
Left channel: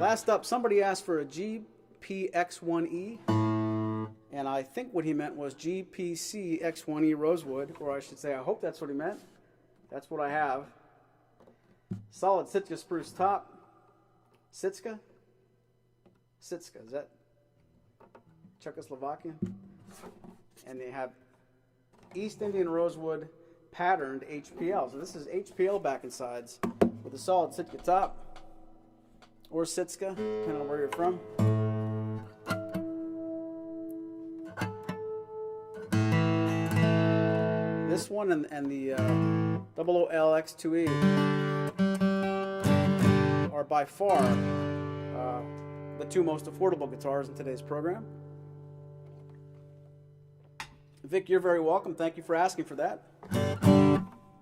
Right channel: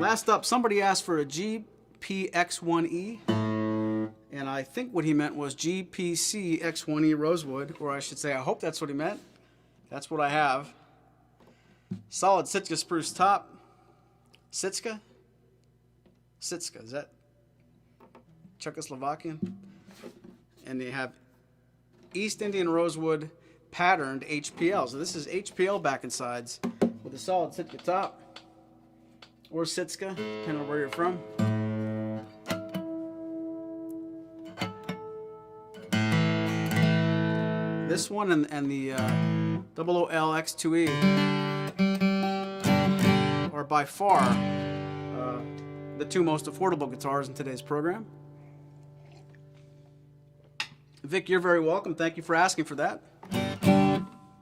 Last up, somebody asked for a GPX1E. And I think what he meant was GPCX1E Rosewood, or I should say, I hope that's what he meant. That's what I have. Solid Sitka spruce top. Sitka, is that Czechoslovakian? And they have East Indian Rosewood patterned HPL. So this is HPL back and sides with a solid Sitka top. Or Sitka, depending on where you're from. This one and the XXII are by far the two most affordable guitars in today's program. Vic, you're very welcome. Thank you for asking for that.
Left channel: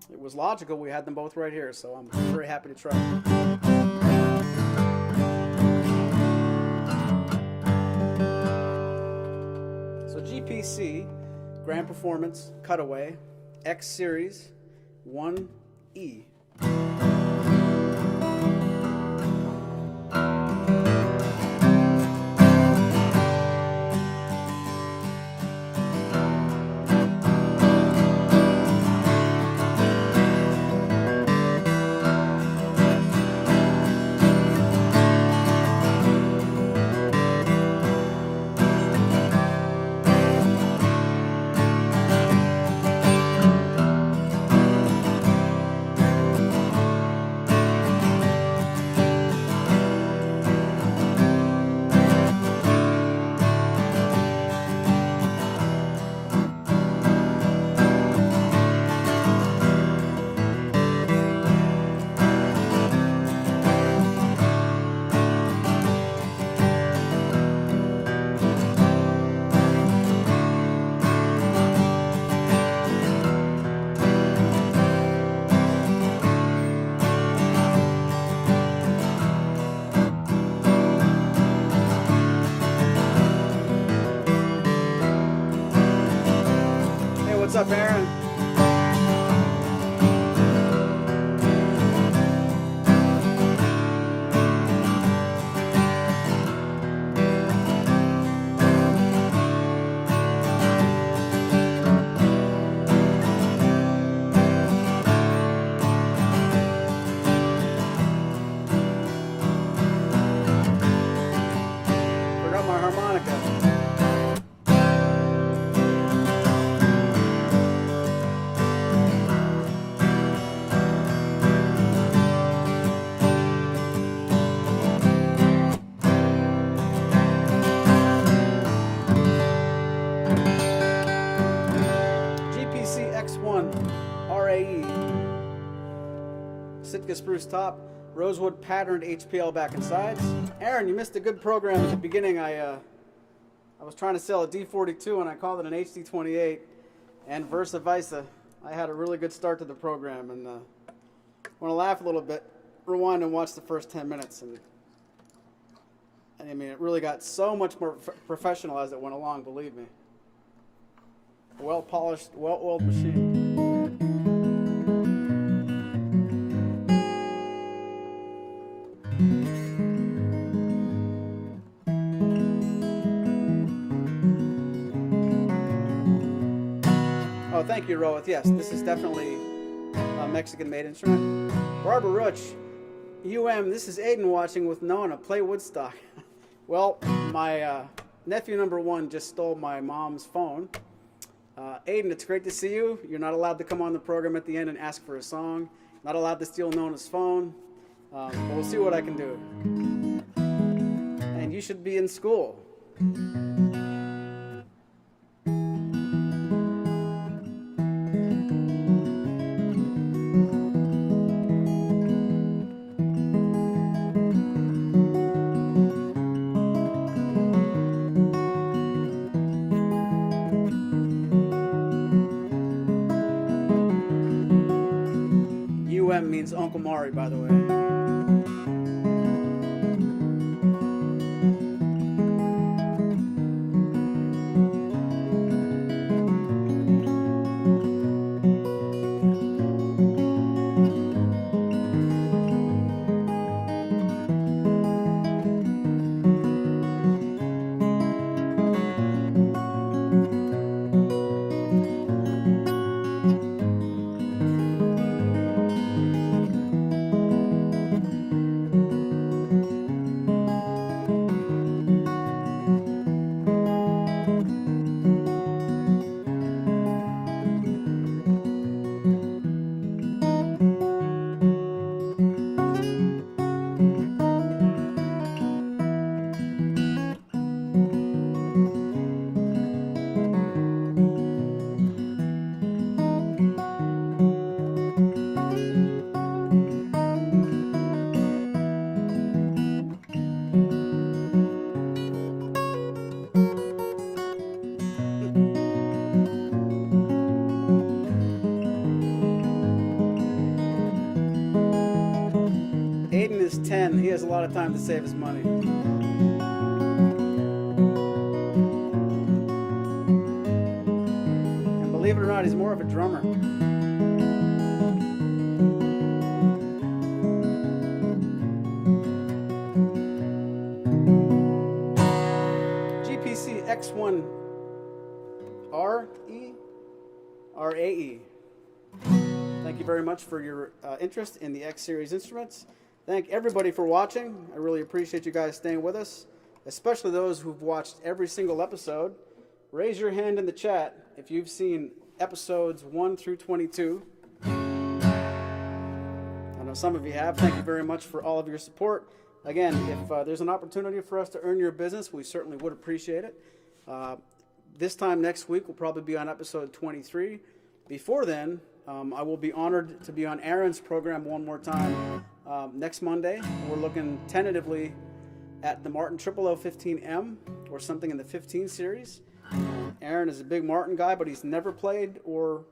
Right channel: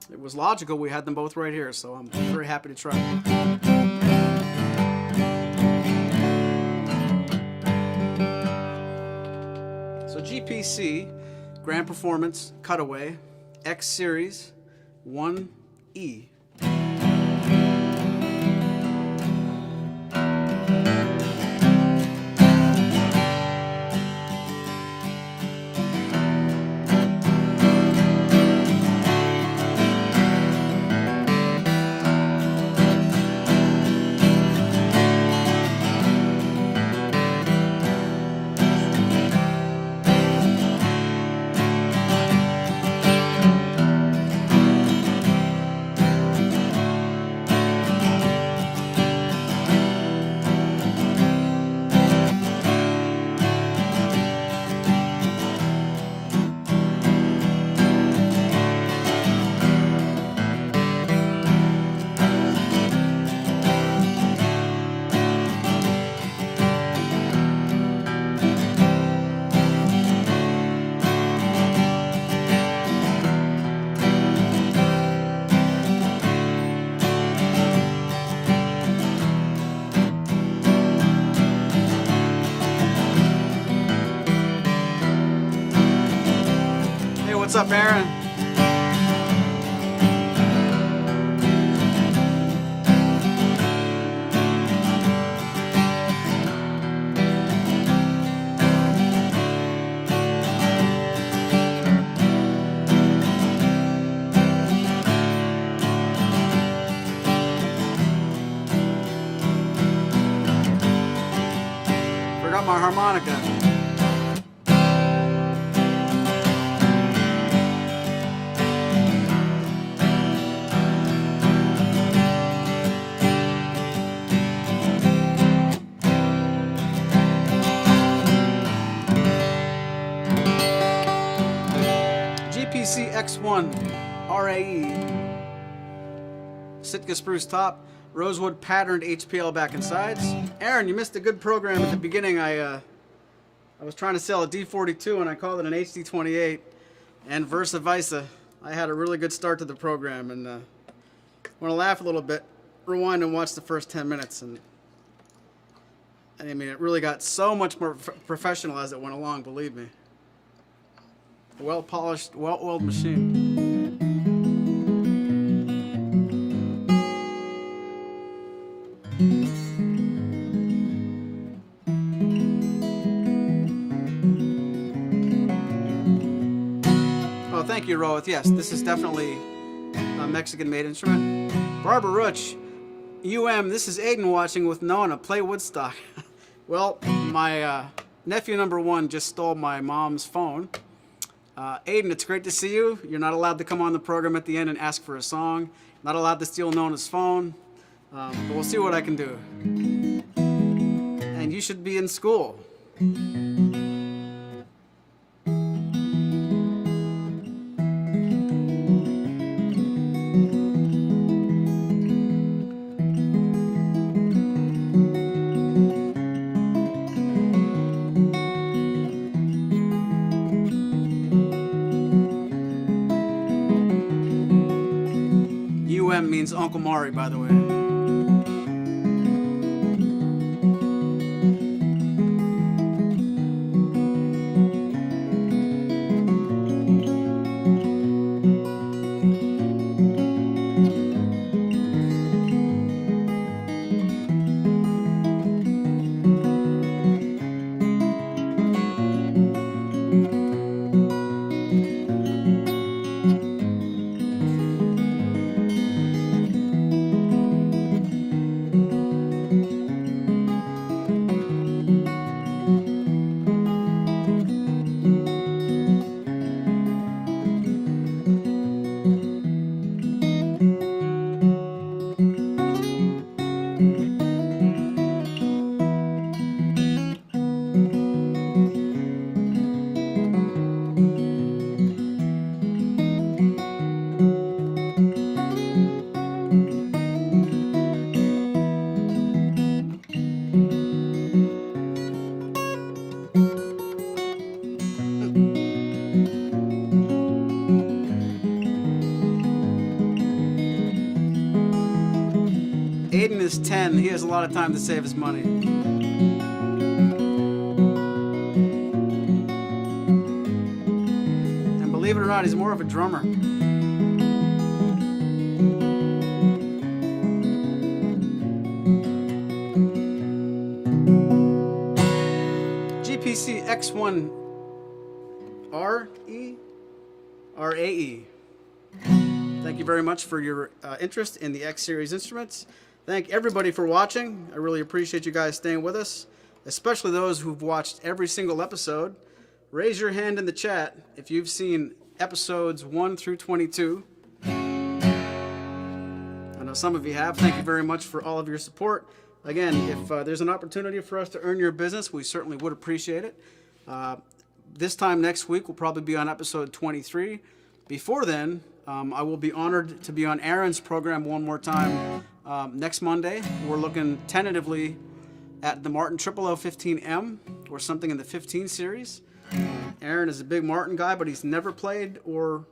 It was logical. We had them both right here, so I'm very happy to try. So GPC, Grand Performance Cutaway, X Series 1E. What's up, Aaron? Forgot my harmonica. GPCX1 RAE, Sitka spruce top, rosewood patterned HPL back and sides. Aaron, you missed a good program at the beginning. I was trying to sell a D42 and I called it an HD28, and versa versa. I had a really good start to the program, and want to laugh a little bit. Rewind and watch the first 10 minutes, and I mean, it really got so much more professional as it went along. Believe me, a well-polished, well-oiled machine. Oh, thank you, Roeth. Yes, this is definitely a Mexican-made instrument. Barbara Rutsch, this is Aiden watching with Nona. Play Woodstock. Well, my nephew number 1 just stole my mom's phone. Aiden, it's great to see you. You're not allowed to come on the program at the end and ask for a song. Not allowed to steal Nona's phone. But we'll see what I can do. And you should be in school. Means Uncle Maury, by the way. Aiden is 10. He has a lot of time to save his money. And believe it or not, he's more of a drummer. GPC X1 RAE. Thank you very much for your interest in the X Series instruments. Thank everybody for watching. I really appreciate you guys staying with us, especially those who've watched every single episode. Raise your hand in the chat if you've seen episodes 1 through 22. I know some of you have. Thank you very much for all of your support. Again, if there's an opportunity for us to earn your business, we certainly would appreciate it. This time next week, we'll probably be on episode 23. Before then, I will be honored to be on Aaron's program one more time next Monday. We're looking tentatively at the Martin 0015M or something in the 15 series. Aaron is a big Martin guy, but he's never played or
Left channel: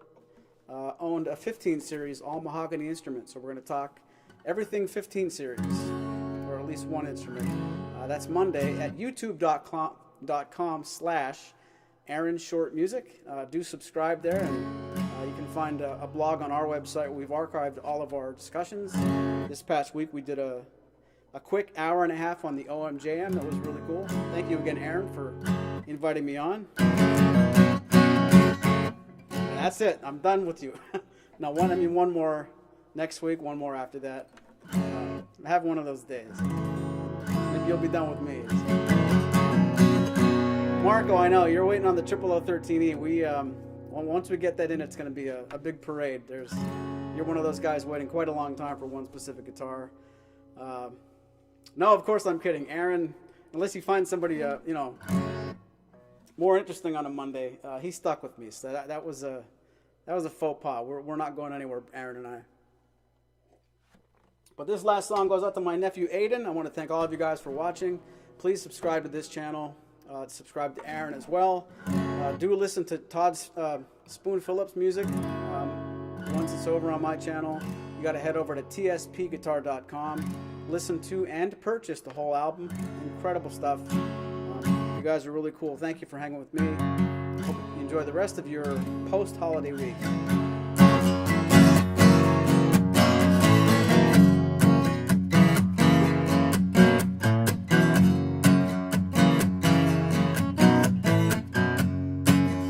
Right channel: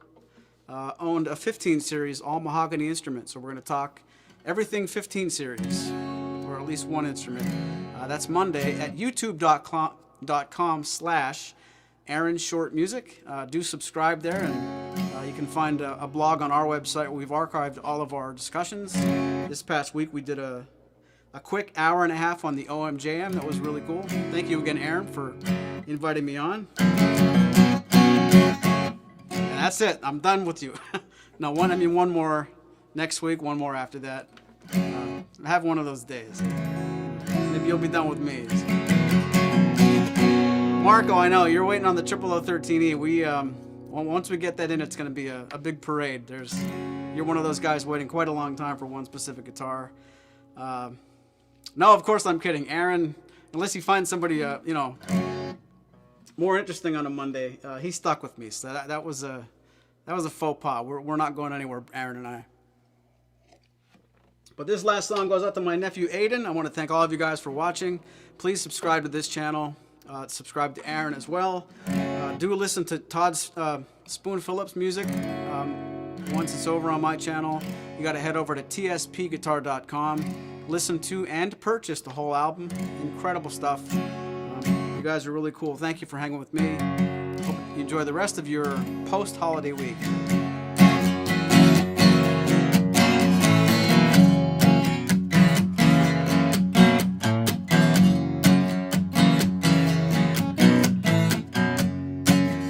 owned a 15 series all mahogany instrument. So we're going to talk everything 15 series, or at least one instrument. That's Monday at youtube.com/Aaron Short Music. Do subscribe there, and you can find a blog on our website where we've archived all of our discussions. This past week we did a quick hour and a half on the OMJM. That was really cool. Thank you again, Aaron, for inviting me on. That's it. I'm done with you. No, one more next week, one more after that. Have one of those days. Maybe you'll be done with me. Marco, I know you're waiting on the 0013E. Once we get that in, it's going to be a big parade. You're one of those guys waiting quite a long time for one specific guitar. No, of course I'm kidding, Aaron. Unless you find somebody, more interesting on a Monday, he stuck with me. So that was a faux pas. We're not going anywhere, Aaron and I. But this last song goes out to my nephew Aiden. I want to thank all of you guys for watching. Please subscribe to this channel. Subscribe to Aaron as well. Do listen to Todd Spoon Phillips music. once it's over on my channel, you got to head over to tspguitar.com, listen to and purchase the whole album. Incredible stuff. You guys are really cool. Thank you for hanging with me. Hope you enjoy the rest of your post-holiday week.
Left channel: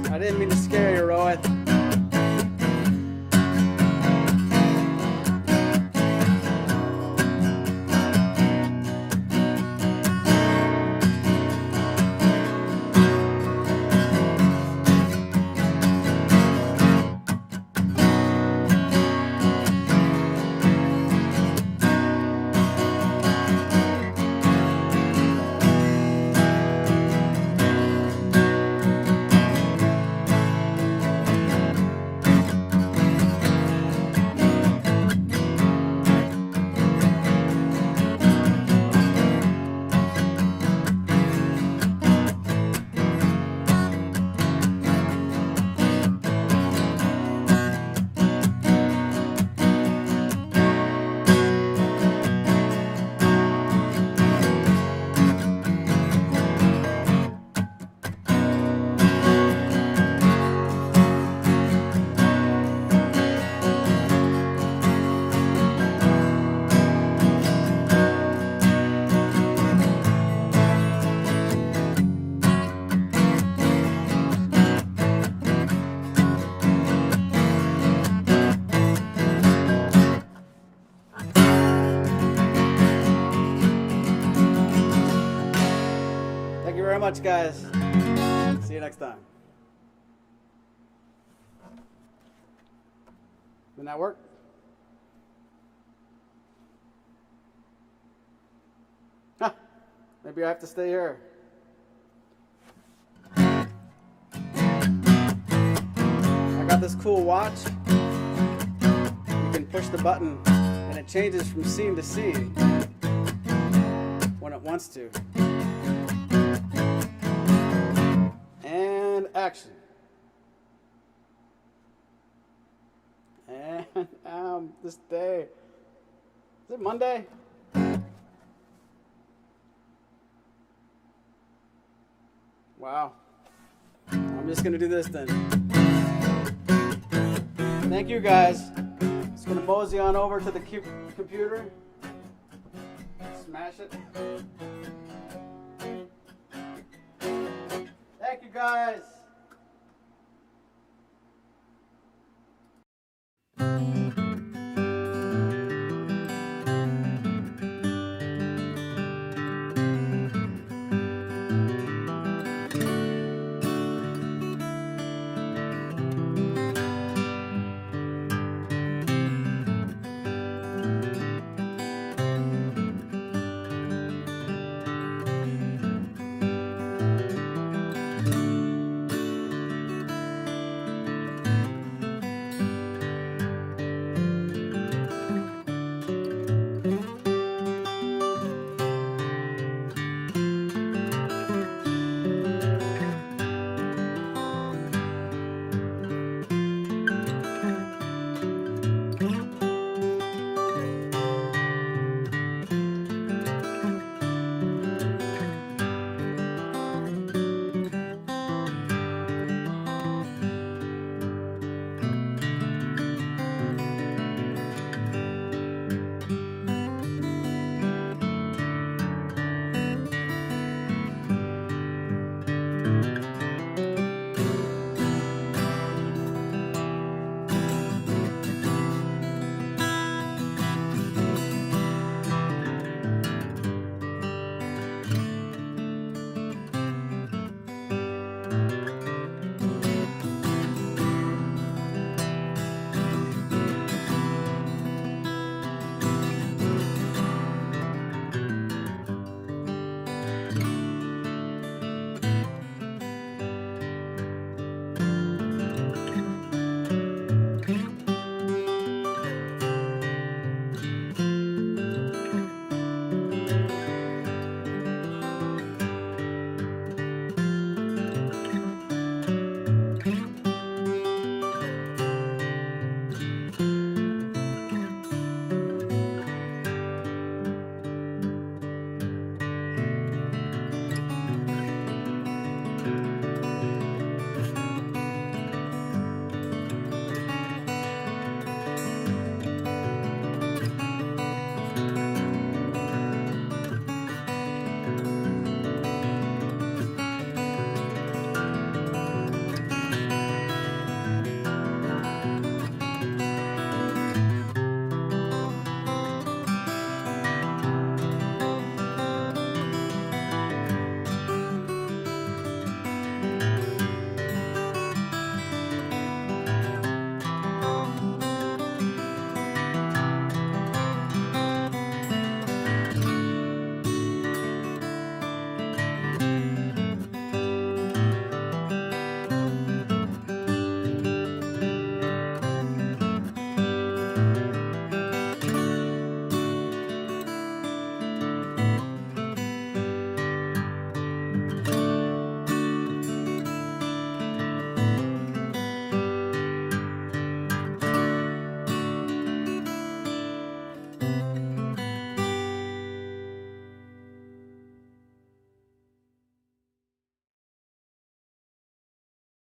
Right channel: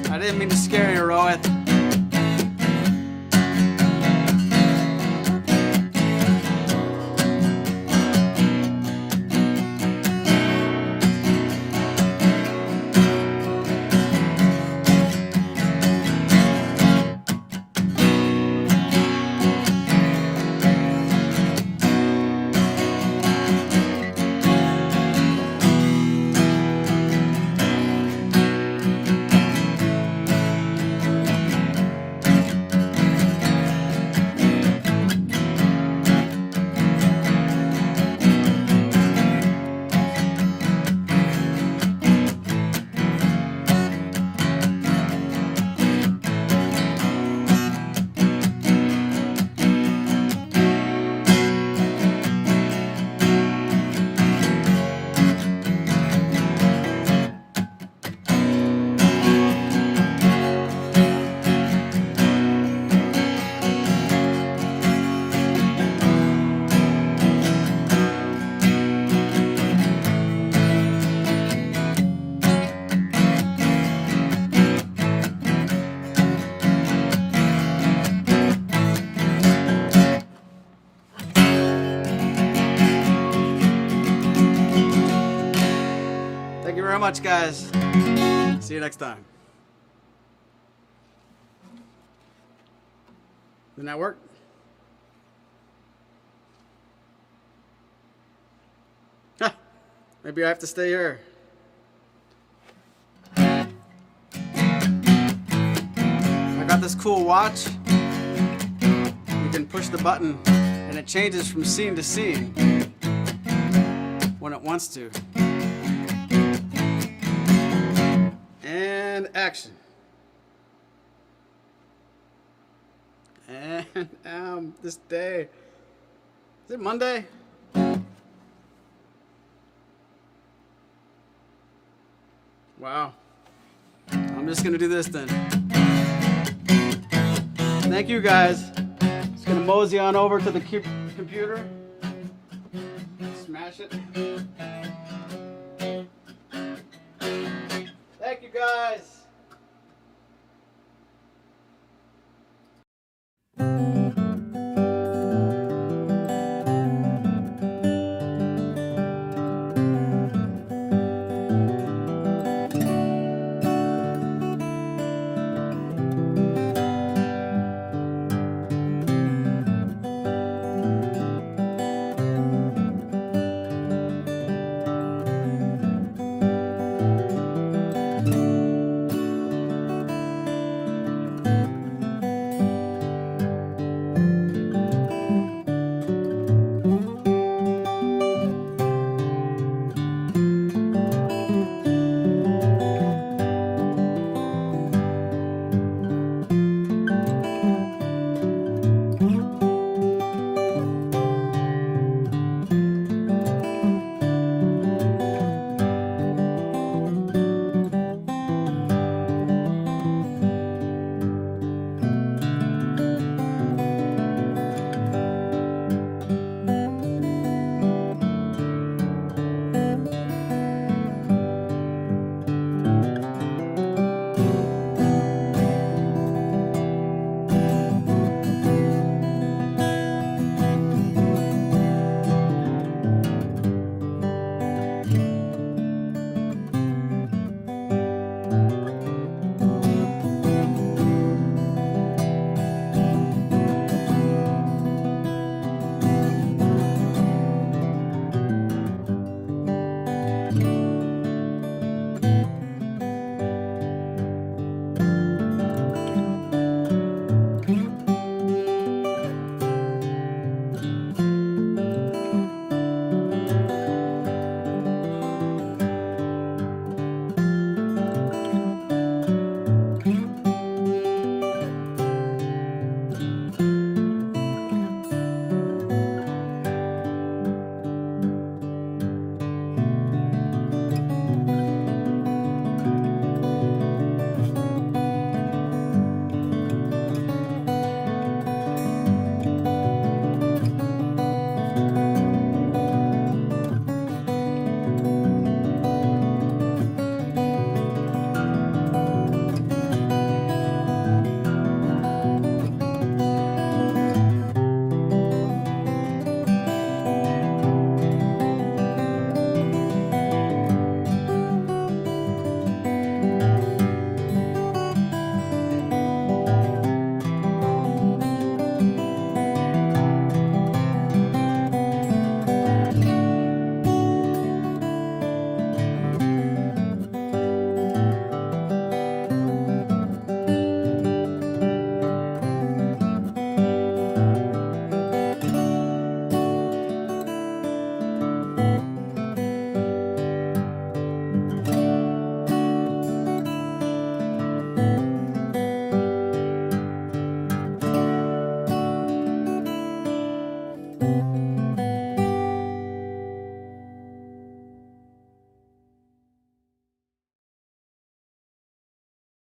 I didn't mean to scare you, Rohit. Thank you very much, guys. See you next time. Didn't that work? Huh. Maybe I have to stay here. I got this cool watch. You can push the button and it changes from scene to scene when it wants to. And action. And this day. Is it Monday? Wow. I'm just gonna do this then. Thank you, guys. Just gonna mosey on over to the computer. Smash it. Thank you, guys.